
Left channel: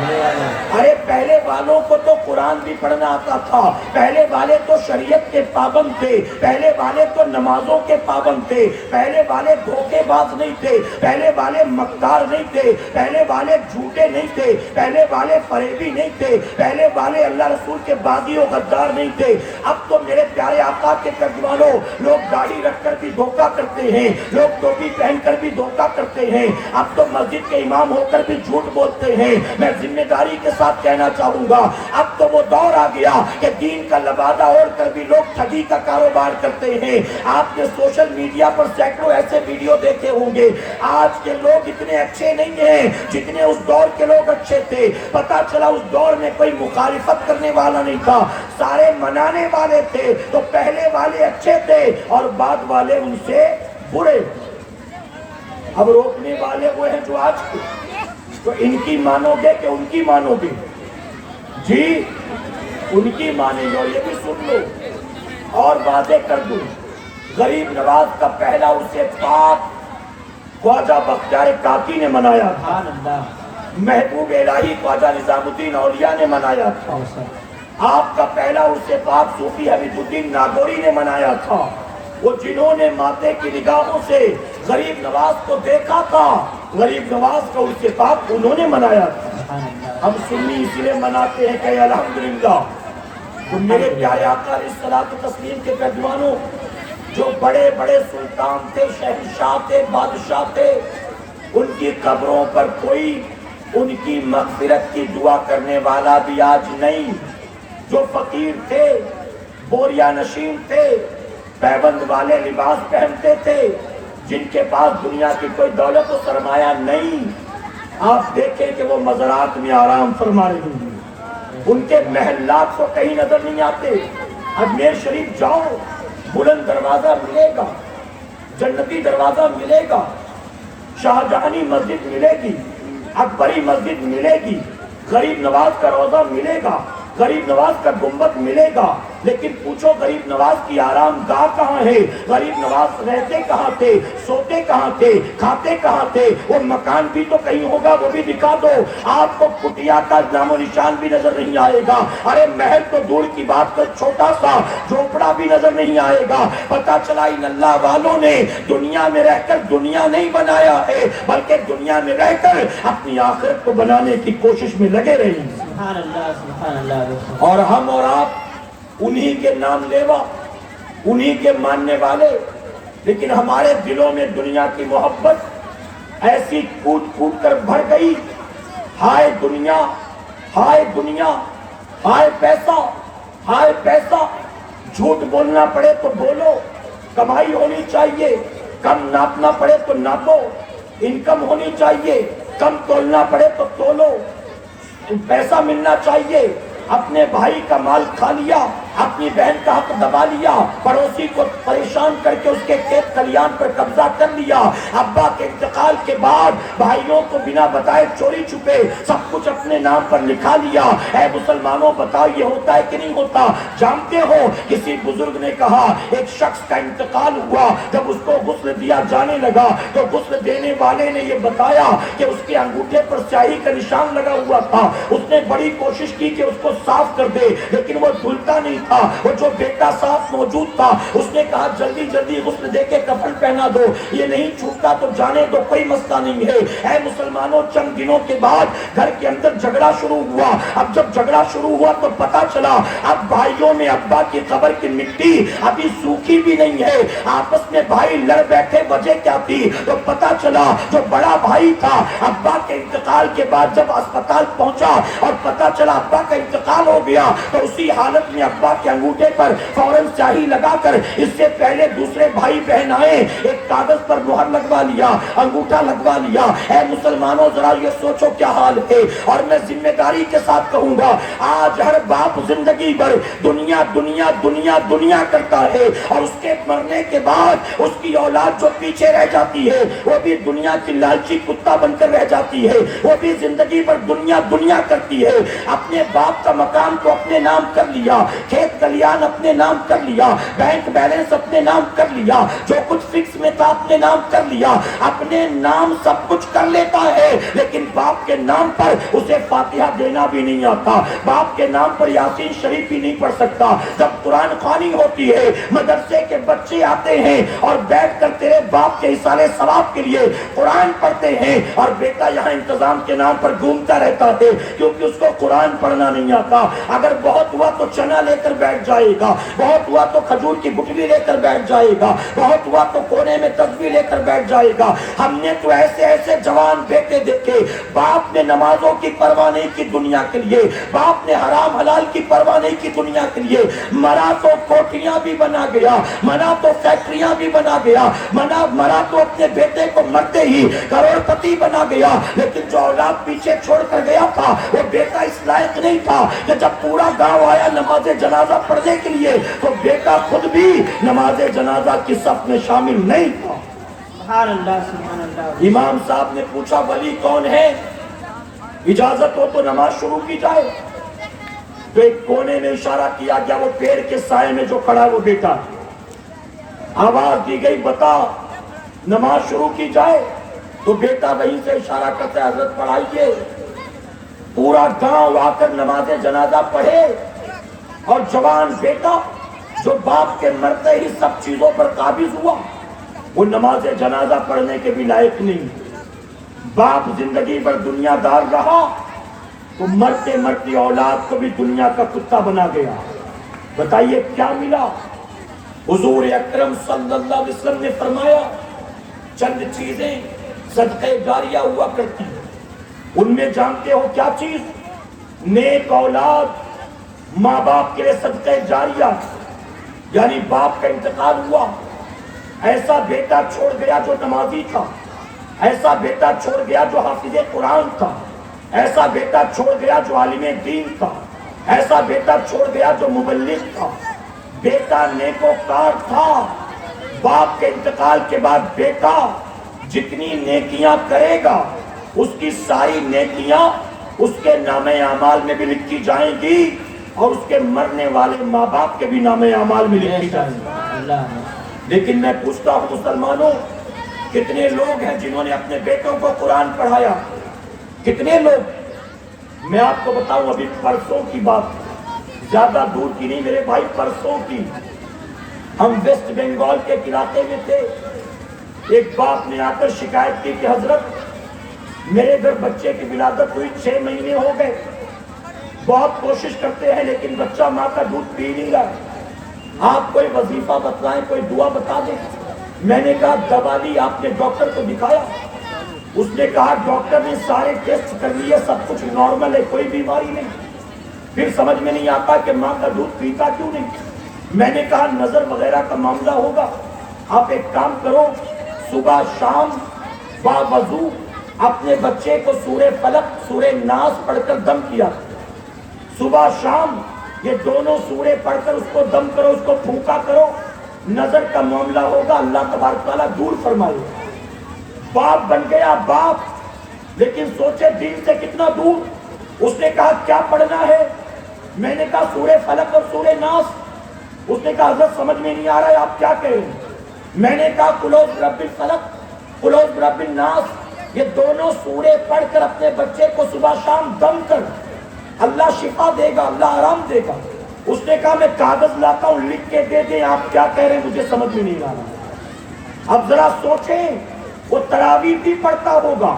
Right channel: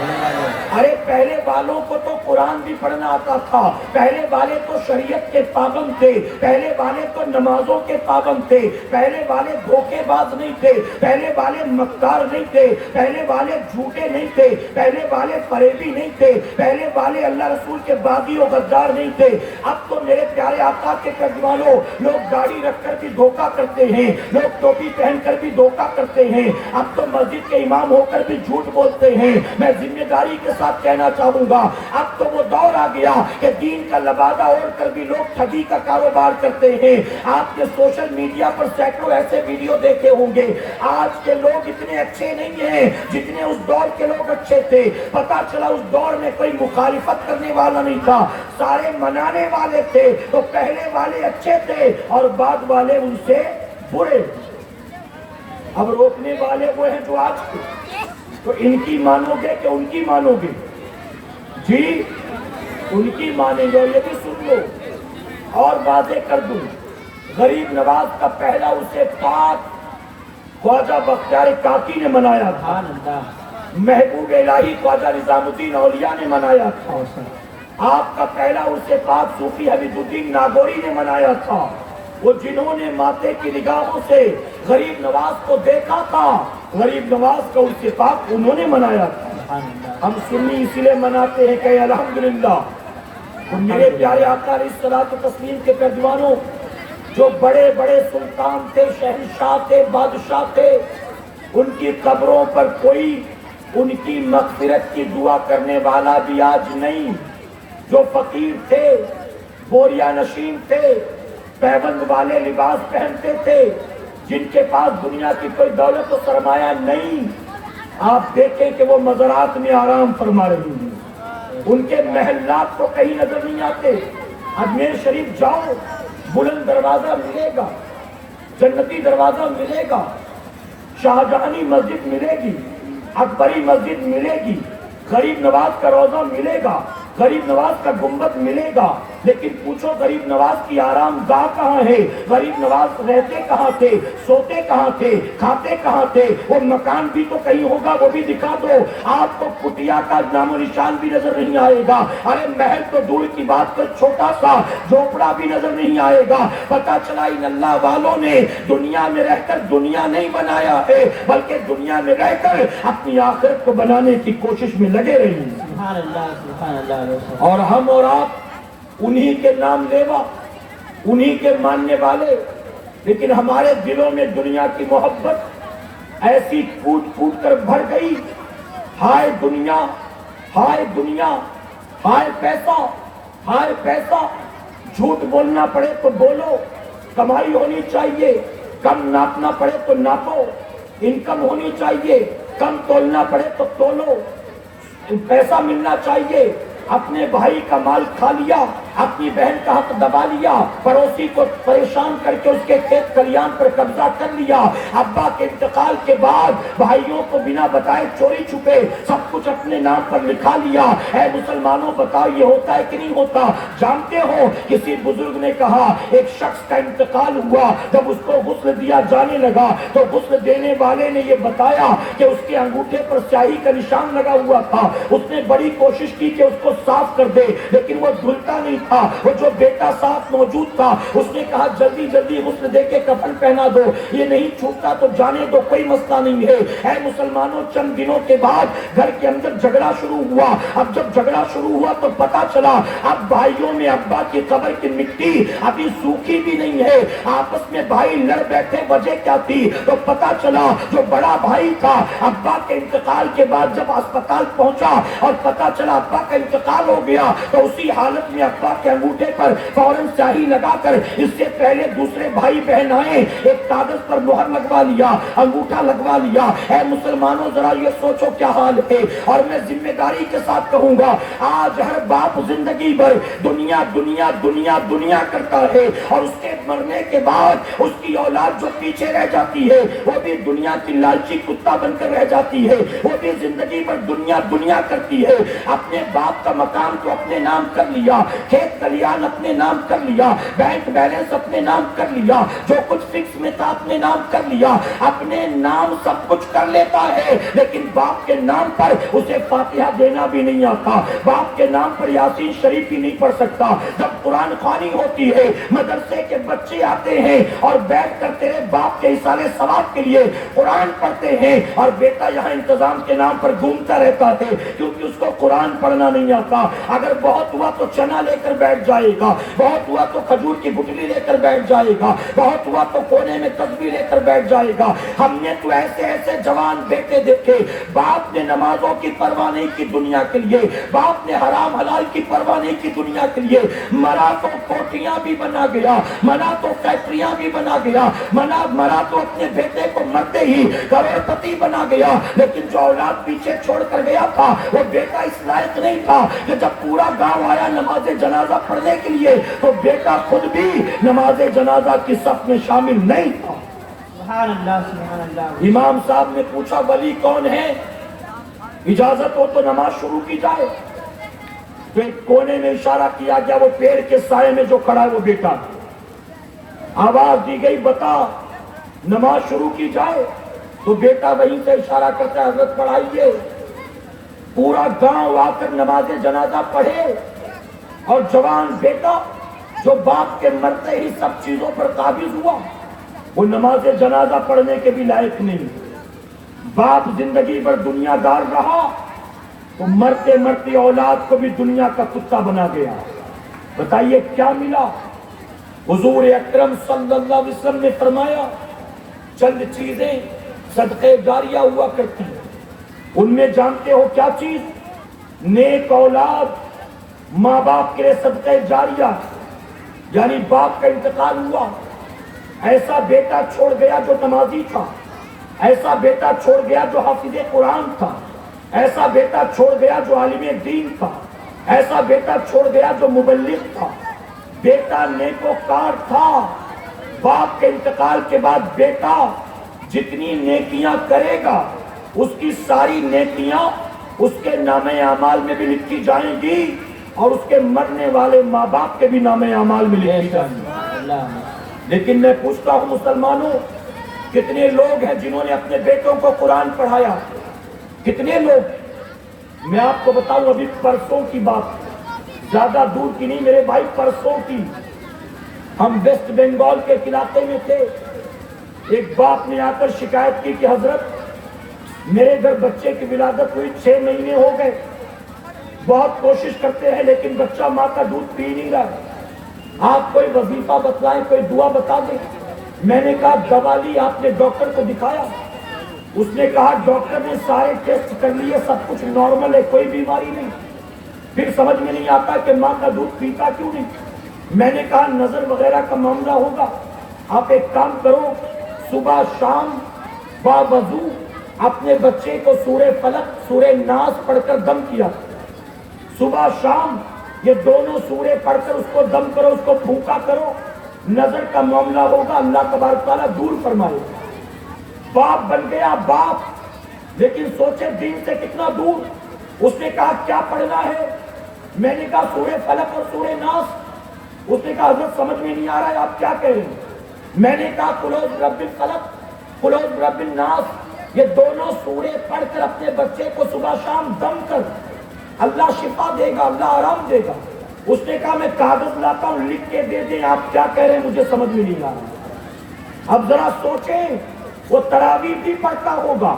ارے پہلے والوں کو تو قرآن بھی پڑھنا آتا تھا، پہلے والے تو شریعت کے پابند تھے، پہلے والے تو نمازوں کے پابند تھے، پہلے والے دھوکے باز نہیں تھے، پہلے والے مکار نہیں تھے، پہلے والے جھوٹے نہیں تھے، پہلے والے فریبی نہیں تھے، پہلے والے اللہ رسول کے باغی و غدار نہیں تھے۔ اب تو میرے پیارے آقا کے ترجمانوں لوگ گاڑی رکھ کر بھی دھوکہ کرتے ہیں، لوگ ٹوپی پہن کر بھی دھوکہ کرتے ہیں، اب تو مسجد کے امام ہو کر بھی جھوٹ بولتے ہیں۔ میں ذمہ داری کے ساتھ کہنا چاہوں گا اب تو وہ دور آ گیا کہ دین کا لبادہ اوڑھ کر بھی لوگ ٹھگی کا کاروبار کرتے ہیں۔ آپ نے سوشل میڈیا پر سینکڑوں ایسے ویڈیو دیکھے ہوں گے۔ آج کے لوگ اتنے اچھے نہیں ہیں جتنے اس دور کے لوگ اچھے تھے۔ پتا چلا اس دور میں کوئی مخالفت کرنے والا نہیں تھا، سارے منانے والے تھے۔ تو پہلے والے اچھے تھے اور بعد والے ان سے برے۔ اب روکنے والے وہ ہیں جو آج کے، تو ان کی مانو گے کہ ان کی مانو گے؟ جی ان کی مانیں گے۔ اور یہ بھی سن لو اور واضح کر دوں، غریب نواز کا پہلا عرس پاک خواجہ بختیار کاکی نے منایا تھا، محبوب الہی خواجہ نظام الدین اولیاء نے منایا تھا۔ آپ کا پہلا عرس پاک صوفی حمید الدین ناگوری نے منایا تھا، وہ جنہوں نے ماتے کی نگاہوں سے غریب نواز کو دیکھا تھا، غریب نواز کا عرس پاک انہوں نے منایا تھا۔ ہم سنی اسی لیے مناتے ہیں کہ الحمدللہ۔ تو میرے پیارے آقا علیہ الصلوۃ والتسلیم کے پیروانوں، جو بڑے بڑے سلطان تھے، شہنشاہ تھے، بادشاہ تھے، ان کی قبروں پر کوئی ان کی مغفرت کی دعا کرنے والا بھی آج نہیں۔ جو فقیر تھے، بوریا نشین تھے، پیبند والے لباس پہنتے تھے، جن کے پاس دنیا کی کوئی دولت و سرمایہ نہیں، آپ دیکھیں کہ وہ مزارات میں آرام فرما رہی ہیں، ان کے محلات کو کہیں نظر نہیں آتے۔ اجمیر شریف جاؤ، بلند دروازہ ملے گا، جنتی دروازہ ملے گا، شاہجہانی مسجد ملے گی، اکبری مسجد ملے گی، غریب نواز کا روزہ ملے گا، غریب نواز کا گنبد ملے گا، لیکن پوچھو غریب نواز کی آرام گاہ کہاں ہے؟ غریب نواز رہتے کہاں تھے، سوتے کہاں تھے، کھاتے کہاں تھے؟ وہ مکان بھی تو کہیں ہوگا، وہ بھی دکھا دو۔ آپ کو کٹیا کا نام و نشان بھی نظر نہیں آئے گا۔ ارے محل تو دور کی بات کر، چھوٹا سا جھوپڑا بھی نظر نہیں آئے گا۔ پتا چلا ان اللہ والوں نے دنیا میں رہ کر دنیا نہیں بنایا ہے، بلکہ دنیا میں رہ کر اپنی آخرت کو بنانے کی کوشش میں لگے رہے ہیں۔ سبحان اللہ، سبحان اللہ۔ اور ہم اور آپ انہی کے نام لیوا، انہی کے ماننے والے، لیکن ہمارے دلوں میں دنیا کی محبت ایسی کوٹ کوٹ کر بھر گئی۔ ہائے دنیا، ہائے دنیا، ہائے پیسہ، ہائے پیسہ۔ جھوٹ بولنا پڑے تو بولو، کمائی ہونی چاہیے، کم ناپنا پڑے تو ناپو، انکم ہونی چاہیے، کم تولنا پڑے تو تولو، پیسہ ملنا چاہیے۔ اپنے بھائی کا مال کھا لیا، اپنی بہن کا حق دبا لیا، پڑوسی کو پریشان کر کے اس کے کھیت کھلیان پر قبضہ کر لیا، ابا کے انتقال کے بعد بھائیوں کو بنا بتائے چوری چھپے سب کچھ اپنے نام پر لکھا لیا۔ اے مسلمانوں بتاؤ یہ ہوتا ہے کہ نہیں ہوتا؟ جانتے ہو کسی بزرگ نے کہا ایک شخص کا انتقال ہوا، جب اس کو غسل دیا جانے لگا تو غسل دینے والے نے یہ بتایا کہ اس کے انگوٹھے پر سیاہی کا نشان لگا ہوا تھا۔ اس نے بڑی کوشش کی کہ اس کو صاف کر دے، لیکن وہ دھلتا نہیں تھا۔ وہ جو بیٹا ساتھ موجود تھا اس نے کہا جلدی جلدی غسل دے کے کفن پہنا دو، یہ نہیں چھوٹتا تو جانے دو، کوئی مسئلہ نہیں ہے۔ اے مسلمانوں، چند دنوں کے بعد گھر کے اندر جھگڑا شروع ہوا۔ اب جب جھگڑا شروع ہوا تو پتا چلا اب بھائیوں میں ابا کی قبر کی مٹی ابھی سوکھی بھی نہیں ہے، آپس میں بھائی لڑ بیٹھے۔ وجہ کیا تھی؟ تو پتا چلا جو بڑا بھائی تھا ابا کے انتقال کے بعد جب اسپتال پہنچا اور پتا چلا ابا کا انتقال ہو گیا تو اسی حالت میں ابا کے انگوٹھے پر فوراً سیاہی لگا کر اس سے پہلے دوسرے بھائی بہن آئے ایک کاغذ پر مہر لگوا لیا، انگوٹھا لگوا لیا۔ اے مسلمانوں ذرا یہ سوچو کیا حال ہے۔ اور میں ذمہ داری کے ساتھ کہوں گا آج ہر باپ زندگی بھر دنیا دنیا دنیا دنیا کرتا ہے، اور اس کے مرنے کے بعد اس کی اولاد جو پیچھے رہ جاتی ہے وہ بھی دنیا کی لالچی کتا بن کر رہ جاتی ہے، وہ بھی زندگی بھر دنیا دنیا کرتی ہے۔ اپنے باپ کا مکان کو اپنے نام کر لیا، کھیت کلیان اپنے نام کر لیا، بینک بیلنس اپنے نام کر لیا، جو کچھ فکس میں تھا اپنے نام کر لیا، اپنے نام سب کچھ کر لیتا ہے، لیکن باپ کے نام پر اسے فاتحہ دینا بھی نہیں آتا، باپ کے نام پر یاسین شریف بھی نہیں پڑھ سکتا۔ جب قرآن خوانی ہوتی ہے، مدرسے کے بچے آتے ہیں اور بیٹھ کر تیرے باپ کے اصالے ثواب کے لیے قرآن پڑھتے ہیں، اور بیٹا یہاں انتظام کے نام پر گھومتا رہتا ہے کیونکہ اس کو قرآن پڑھنا نہیں آتا۔ اگر بہت ہوا تو چنا لے کر بیٹھ جائے گا، بہت ہوا تو کھجور کی گٹلی لے کر بیٹھ جائے گا، بہت ہوا تو کونے میں تسبیح لے کر بیٹھ جائے گا۔ ہم نے تو ایسے ایسے جوان بیٹے دیکھے، باپ نے نمازوں کی پرواہ نہیں کی دنیا کے لیے، باپ نے حرام حلال کی پرواہ نہیں کی دنیا کے لیے، مرا تو کوٹیاں بھی بنا گیا، منا تو فیکٹریاں بھی بنا گیا، مرا تو اپنے بیٹے کو مرتے ہی کروڑ پتی بنا گیا، لیکن جو اولاد پیچھے چھوڑ کر گیا تھا وہ بیٹا اس لائق نہیں تھا کہ جب پورا گاؤں آیا نماز جنازہ پڑھنے کے لیے تو بیٹا خود بھی نماز جنازہ کی صف میں شامل نہیں تھا۔ سبحان اللہ، سبحان اللہ۔ امام صاحب نے پوچھا ولی کون ہے؟ اجازت ہو تو نماز شروع کی جائے۔ تو ایک کونے میں اشارہ کیا گیا، وہ پیڑ کے سائے میں جو کھڑا ہے وہ بیٹا۔ آواز دی گئی بتا نماز شروع کی جائے، تو بیٹا وہیں سے اشارہ کرتے حضرت پڑھائیے۔ پورا گاؤں آ کر نماز جنازہ پڑھے، اور جوان بیٹا جو باپ کے مرتے ہی سب چیزوں پر قابض ہوا وہ نماز جنازہ پڑھنے کے بھی لائق نہیں۔ باپ زندگی بھر دنیا دار رہا تو مرتے مرتے اولاد کو بھی دنیا کا کتا بنا گیا۔ بتائیے کیا ملا؟ حضور اکرم صلی اللہ علیہ وسلم نے فرمایا چند چیزیں صدقے جاریہ ہوا کرتی ہیں، ان میں جانتے ہو کیا چیز؟ نیک اولاد، ماں باپ کے لیے صدقے جاریہ، یعنی باپ کا انتقال ہوا، ایسا بیٹا چھوڑ گیا جو نمازی تھا، ایسا بیٹا چھوڑ گیا جو حافظ قرآن تھا، ایسا بیٹا چھوڑ گیا جو عالم دین تھا، ایسا بیٹا چھوڑ گیا جو مبلغ تھا، بیٹا نیکوکار تھا۔ باپ کے انتقال کے بعد بیٹا جتنی نیکیاں کرے گا اس کی ساری نیکیاں اس کے نام اعمال میں بھی لکھی جائیں گی اور اس کے مرنے والے ماں باپ کے بھی نام اعمال میں لکھی جائیں گی۔ اللہ لیکن میں پوچھتا ہوں مسلمانوں، کتنے لوگ ہیں جنہوں نے اپنے بیٹوں کو قرآن پڑھایا؟ کتنے لوگ؟ میں آپ کو بتاؤں، ابھی پرسوں کی بات، زیادہ دور کی نہیں میرے بھائی، پرسوں کی، ہم ویسٹ بنگال کے علاقے میں تھے۔ ایک باپ نے آ کر شکایت کی کہ حضرت میرے گھر بچے کی ولادت ہوئی، 6 مہینے ہو گئے، بہت کوشش کرتے ہیں لیکن بچہ ماں کا دودھ پی نہیں رہا ہے، آپ کوئی وظیفہ بتلائیں، کوئی دعا بتا دیں۔ میں نے کہا دوا لی، آپ نے ڈاکٹر کو دکھایا؟ اس نے کہا ڈاکٹر نے سارے ٹیسٹ کر لیے، سب کچھ نارمل ہے، کوئی بیماری نہیں۔ پھر سمجھ میں نہیں آتا کہ ماں کا دودھ پیتا کیوں نہیں۔ میں نے کہا نظر وغیرہ کا معاملہ ہوگا، آپ ایک کام کرو، صبح شام با وضو اپنے بچے کو سورہ فلق سورہ ناس پڑھ کر دم کیا، صبح شام یہ دونوں سورے پڑھ کر اس کو دم کرو، اس کو پھونکا کرو، نظر کا معاملہ ہوگا، اللہ تبارک تعالیٰ دور فرمائے۔ باپ بن گیا باپ، لیکن سوچے دین سے کتنا دور۔ اس نے کہا کیا پڑھنا ہے؟ میں نے کہا سورہ فلق اور سورہ ناس۔ اس نے کہا حضرت سمجھ میں نہیں آ رہا ہے، آپ کیا کہہ رہے ہیں؟ میں نے کہا قل اعوذ برب الفلق قل اعوذ برب الناس، یہ دونوں سورے پڑھ کر اپنے بچے کو صبح شام دم کر، اللہ شفا دے گا، اللہ آرام دے گا۔ اس نے کہا میں کاغذ لاتا ہوں، لکھ کے دے دیں، آپ کیا کہہ رہے ہیں مجھے سمجھ میں نہیں آ رہا۔ اب ذرا سوچیں، وہ تراویح بھی پڑھتا ہوگا،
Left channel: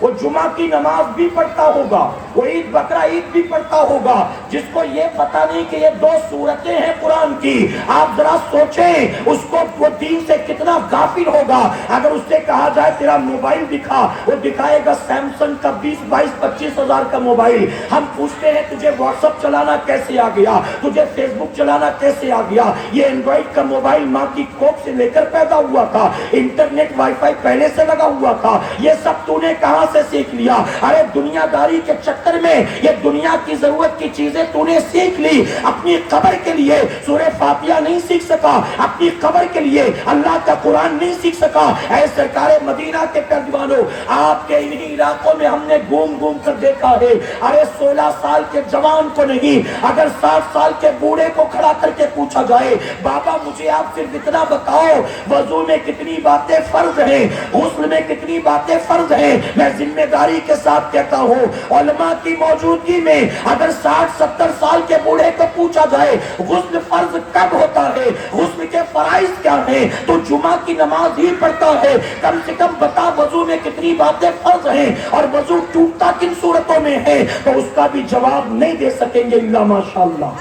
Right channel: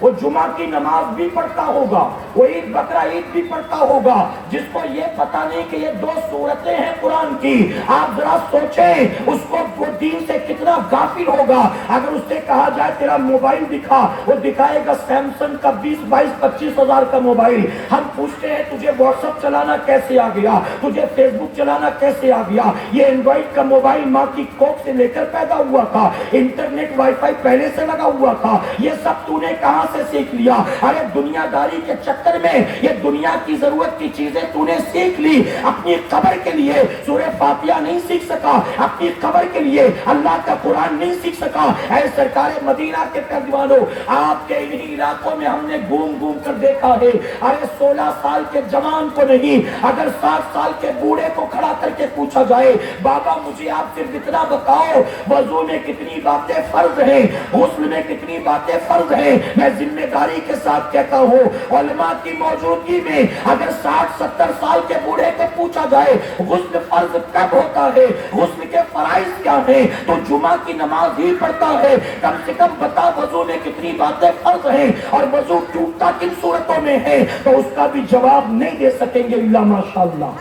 وہ جمعہ کی نماز بھی پڑھتا ہوگا، وہ عید بقرہ عید بھی پڑھتا ہوگا، جس کو یہ پتہ نہیں کہ یہ 2 سورتیں ہیں قرآن کی۔ آپ ذرا سوچیں اس کو وہ دین سے کتنا غافل ہوگا۔ اگر اس سے کہا جائے تیرا موبائل دکھا، وہ دکھائے گا سیمسنگ کا 20 22 25 ہزار کا موبائل۔ ہم پوچھتے ہیں تجھے واٹس ایپ چلانا کیسے آ گیا، تجھے فیس بک چلانا کیسے آ گیا؟ یہ اینڈرائڈ کا موبائل ماں کی کوکھ سے لے کر پیدا ہوا تھا، انٹرنیٹ وائی فائی پہلے سے لگا ہوا تھا، یہ سب تو نے کہاں سے سیکھ لیا؟ ارے دنیا داری کے چکر میں یہ دنیا کی ضرورت کی چیزیں تو نے سیکھ لی، اپنی قبر کے لیے سورہ فاتحہ نہیں سیکھ سکا، اپنی قبر کے لیے اللہ کا قرآن نہیں سیکھ سکا۔ اے سرکار مدینہ کے پردوانوں، آپ کے انہی علاقوں میں ہم نے گھوم گھوم کر دیکھا ہے، ارے 16 سال کے جوان کو نہیں، اگر 60 سال کے بوڑھے کو کھڑا کر کے پوچھا جائے بابا مجھے آپ صرف اتنا بتاؤ، وضو میں کتنی باتیں فرض ہیں، غسل میں کتنی باتیں فرض ہیں، میں ذمہ داری کے ساتھ کہتا ہوں علماء کی موجودگی میں اگر 60 70 سال کے بوڑھے کو پوچھا جائے غسل فرض کب ہوتا ہے، غسل کے فرائض کیا ہیں، تو جمعہ کی نماز ہی پڑھتا ہے، کم سے کم بتا وضو میں کتنی باتیں فرض ہیں اور وضو ٹوٹتا کن صورتوں میں ہے، تو اس کا بھی جواب نہیں دے سکیں گے الا ماشاءاللہ۔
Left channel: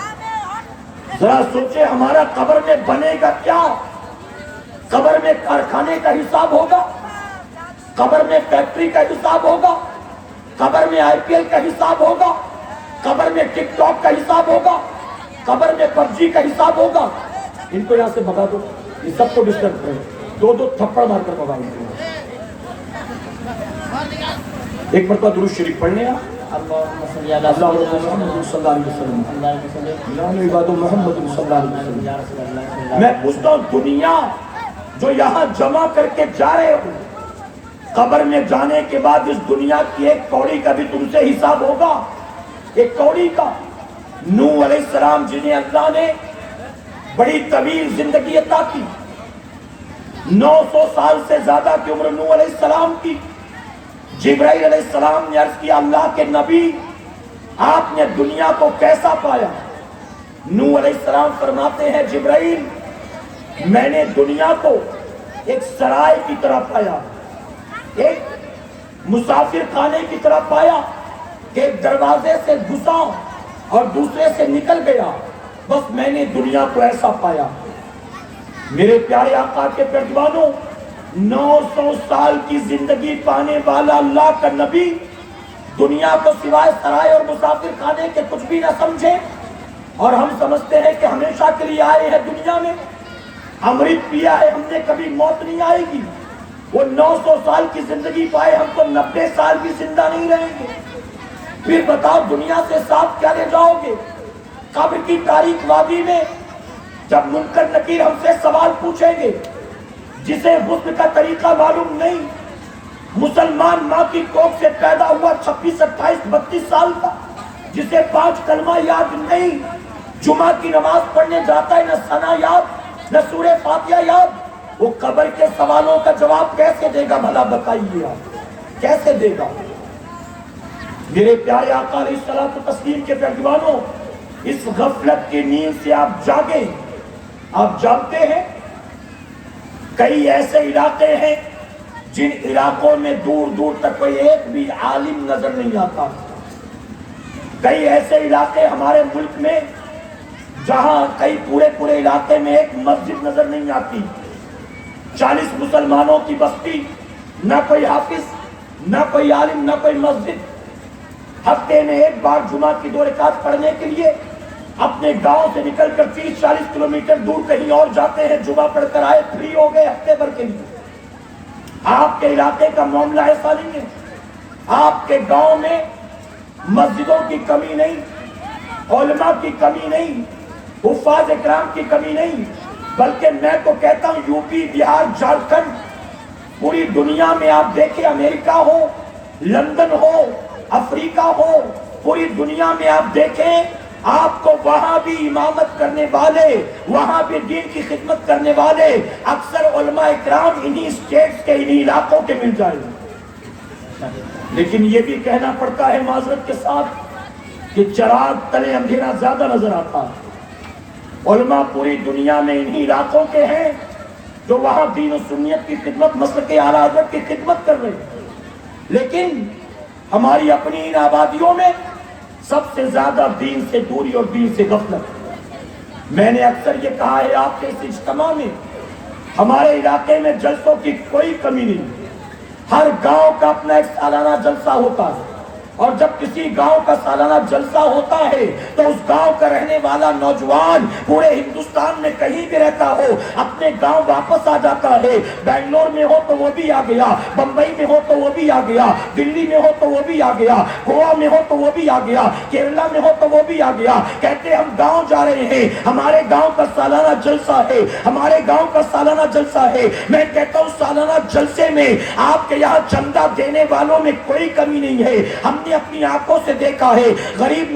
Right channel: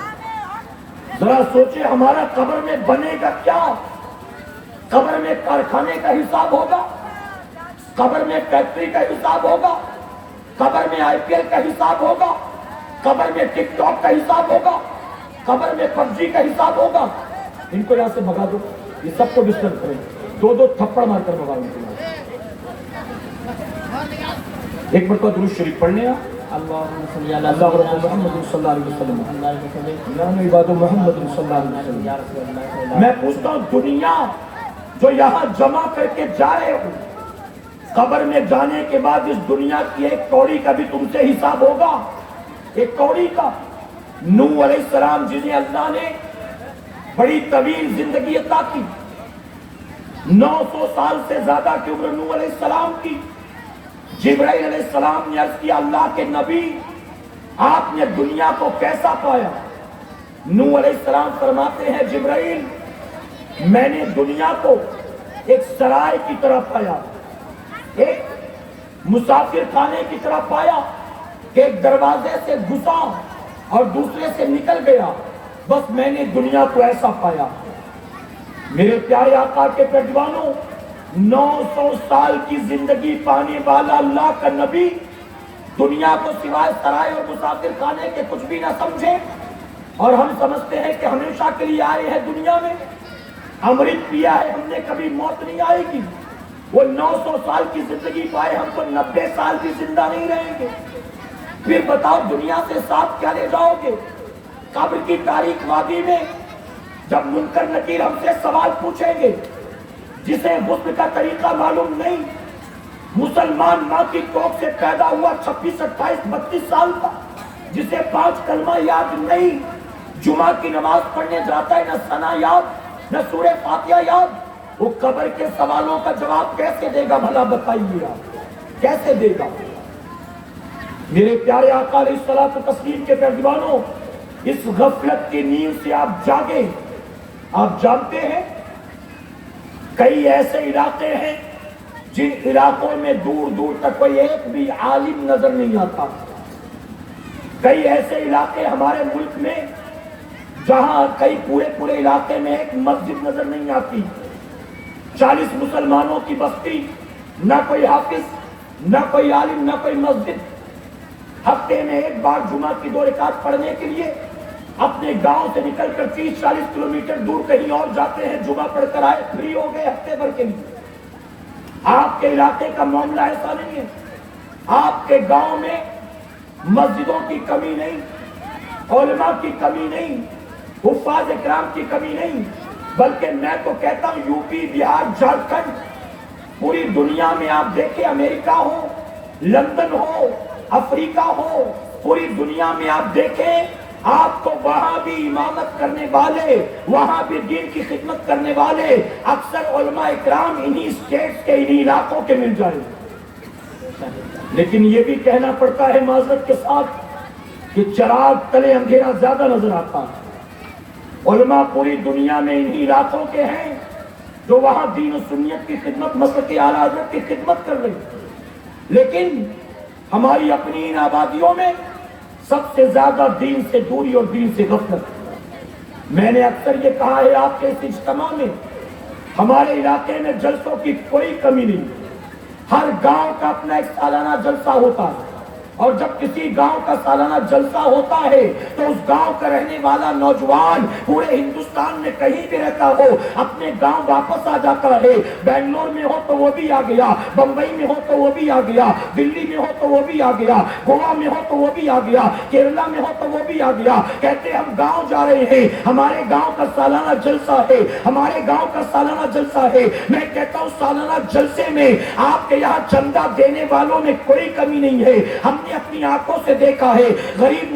ذرا سوچے ہمارا قبر میں بنے گا کیا؟ قبر میں کارخانے کا حساب ہوگا، قبر میں فیکٹری کا حساب ہوگا، قبر میں آئی پی ایل کا حساب ہوگا، قبر میں ٹک ٹاک کا حساب ہوگا، قبر میں پب جی کا حساب ہوگا۔ ان کو یہاں سے بھگا دو، یہ سب کو ڈسٹرب کرو، 2 تھپڑ مار کر بھگا دو۔ ایک مرتبہ درود شریف پڑھنے گا، اللہم صلی علی محمد صلی اللہ علیہ وسلم، محمد صلی اللہ علیہ وسلم۔ میں پوچھتا ہوں دنیا جو یہاں جمع کر کے جا رہے ہو، قبر میں جانے کے بعد اس دنیا کی ایک کوڑی کا بھی تم سے حساب ہوگا، ایک کوڑی کا۔ نوح علیہ السلام جنہیں اللہ نے بڑی طویل زندگی عطا کی، 900 سال سے زیادہ کی عمر نوح علیہ السلام کی۔ جبرائیل علیہ السلام نے عرض کیا اللہ کے نبی آپ نے دنیا کو کیسا پایا؟ نوح علیہ السلام فرماتے ہیں جبرائیل میں نے دنیا کو ایک سرائے کی طرح پایا، ایک مسافر خانے کی طرح پایا کہ ایک دروازے سے گھسا اور دوسرے سے نکل گیا، بس میں نے دنیا کو ایسا پایا۔ میرے پیارے آقا کے پردوانوں، 900 سال کی زندگی پانے والا اللہ کا نبی دنیا کو سوائے سرائے اور مسافر خانے کے کچھ بھی نہ سمجھے، اور ہم سمجھتے ہیں کہ ہمیشہ کے لیے آئے ہیں دنیا میں، امرت پیا ہے ہم نے، کبھی موت نہیں آئے گی۔ وہ 900 سال کی زندگی پائے، ہم تو 90 سال بھی زندہ نہیں رہیں گے۔ پھر بتاؤ دنیا سے ساتھ کیا لے جاؤ گے؟ قبر کی تاریک وادی میں جب منکر نکیر ہم سے سوال پوچھیں گے، جسے غسل کا طریقہ معلوم نہیں، مسلمان ماں کی کوکھ سے پیدا ہوا 26, 28, 32 سال کا, جسے 5 کلمہ یاد نہیں, جمعہ کی نماز پڑھنے جاتا ہے, نہ ثنا یاد, نہ سورہ فاتحہ یاد, وہ قبر کے سوالوں کا جواب کیسے دے گا بھلا بتائیے آپ, کیسے دے گا؟ میرے پیارے آقا علیہ الصلوۃ والتسلیم کے پیروانوں, اس غفلت کی نیند سے آپ جاگیں. آپ جانتے ہیں کئی ایسے علاقے ہیں جن علاقوں میں دور دور تک کوئی ایک بھی عالم نظر نہیں آتا. کئی ایسے علاقے ہمارے ملک میں جہاں کئی پورے علاقے میں ایک مسجد نظر نہیں آتی. 40 مسلمانوں کی بستی, نہ کوئی حافظ, نہ کوئی عالم, نہ کوئی مسجد. ہفتے میں ایک بار جمعہ کی 2 رکعت پڑھنے کے لیے اپنے گاؤں سے نکل کر 30-40 کلومیٹر دور کہیں اور جاتے ہیں, جمعہ پڑھ کر آئے, فری ہو گئے ہفتے بھر کے لیے. آپ کے علاقے کا معاملہ ایسا نہیں ہے. آپ کے گاؤں میں مسجدوں کی کمی نہیں, علماء کی کمی نہیں, حفاظ اکرام کی کمی نہیں, بلکہ میں تو کہتا ہوں یو پی, بہار, جھارکھنڈ, پوری دنیا میں آپ دیکھیں, امریکہ ہو, لندن ہو, افریقہ ہو, پوری دنیا میں آپ دیکھیں, آپ کو وہاں بھی امامت کرنے والے, وہاں بھی دین کی خدمت کرنے والے اکثر علماء اکرام انہی اسٹیٹس کے, انہی علاقوں کے مل جائیں. لیکن یہ بھی کہنا پڑتا ہے معذرت کے ساتھ کہ چراغ تلے اندھیرا زیادہ نظر آتا ہے. علماء پوری دنیا میں انہی علاقوں کے ہیں جو وہاں دین و سنیت کی خدمت, مسلک اعلیٰ حضرت کی خدمت کر رہے ہیں. لیکن ہماری اپنی ان آبادیوں میں سب سے زیادہ دین سے دوری اور دین سے غفلت. میں نے اکثر یہ کہا ہے آپ کے اس اجتماع میں, ہمارے علاقے میں جلسوں کی کوئی کمی نہیں. ہر گاؤں کا اپنا ایک سالانہ جلسہ ہوتا ہے, اور جب کسی گاؤں کا سالانہ جلسہ ہوتا ہے تو اس گاؤں کا رہنے والا نوجوان پورے ہندوستان میں کہیں بھی رہتا ہو اپنے گاؤں واپس آ جاتا ہے. بنگلور میں ہو تو وہ بھی آ گیا, بمبئی میں ہو تو وہ بھی آ گیا, دلی میں ہو تو وہ بھی آ گیا, گوا میں ہو تو وہ بھی آ گیا, کیرلا میں ہو تو وہ بھی آ گیا. کہتے ہم گاؤں جا رہے ہیں, ہمارے گاؤں کا سالانہ جلسہ ہے, ہمارے گاؤں کا سالانہ جلسہ ہے. میں کہتا ہوں سالانہ جلسے میں آپ کے یہاں چندہ دینے والوں میں کوئی کمی نہیں ہے. ہم نے اپنی آنکھوں سے دیکھا ہے, غریب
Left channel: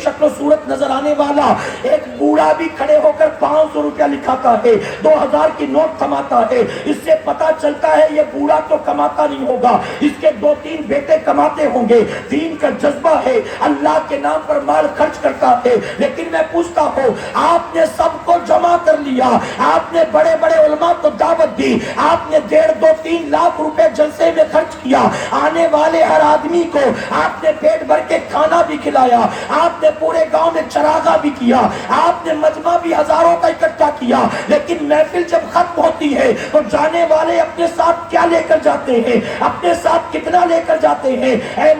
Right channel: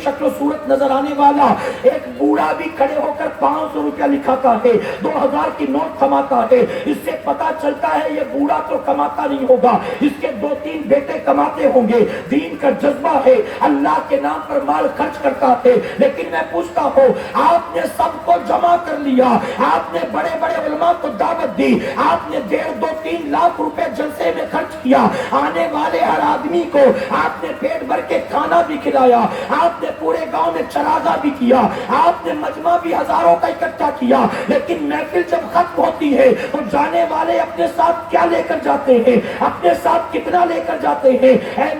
شکل و صورت نظر آنے والا ایک بوڑھا بھی کھڑے ہو کر 500 روپیہ لکھاتا ہے, 2000 کی نوٹ کماتا ہے. اس سے پتا چلتا ہے یہ بوڑھا تو کماتا نہیں ہوگا, اس کے 2-3 بیٹے کماتے ہوں گے. دین کا جذبہ ہے, اللہ کے نام پر مال خرچ کرتا ہے. لیکن میں پوچھتا ہوں, آپ نے سب کو جمع کر لیا, آپ نے بڑے بڑے علماء کو دعوت دی, آپ نے 1.5-2-3 لاکھ روپے جلسے میں خرچ کیا, آنے والے ہر آدمی کو آپ نے پیٹ بھر کے کھانا بھی کھلایا, آپ نے پورے گاؤں میں چراغا بھی کیا, آپ نے مجمع بھی ہزاروں کا اکٹھا کیا. لیکن محفل جب ختم ہوتی ہے تو جانے والے اپنے ساتھ کیا لے کر جاتے ہیں, اپنے ساتھ کتنا لے کر جاتے ہیں؟ اے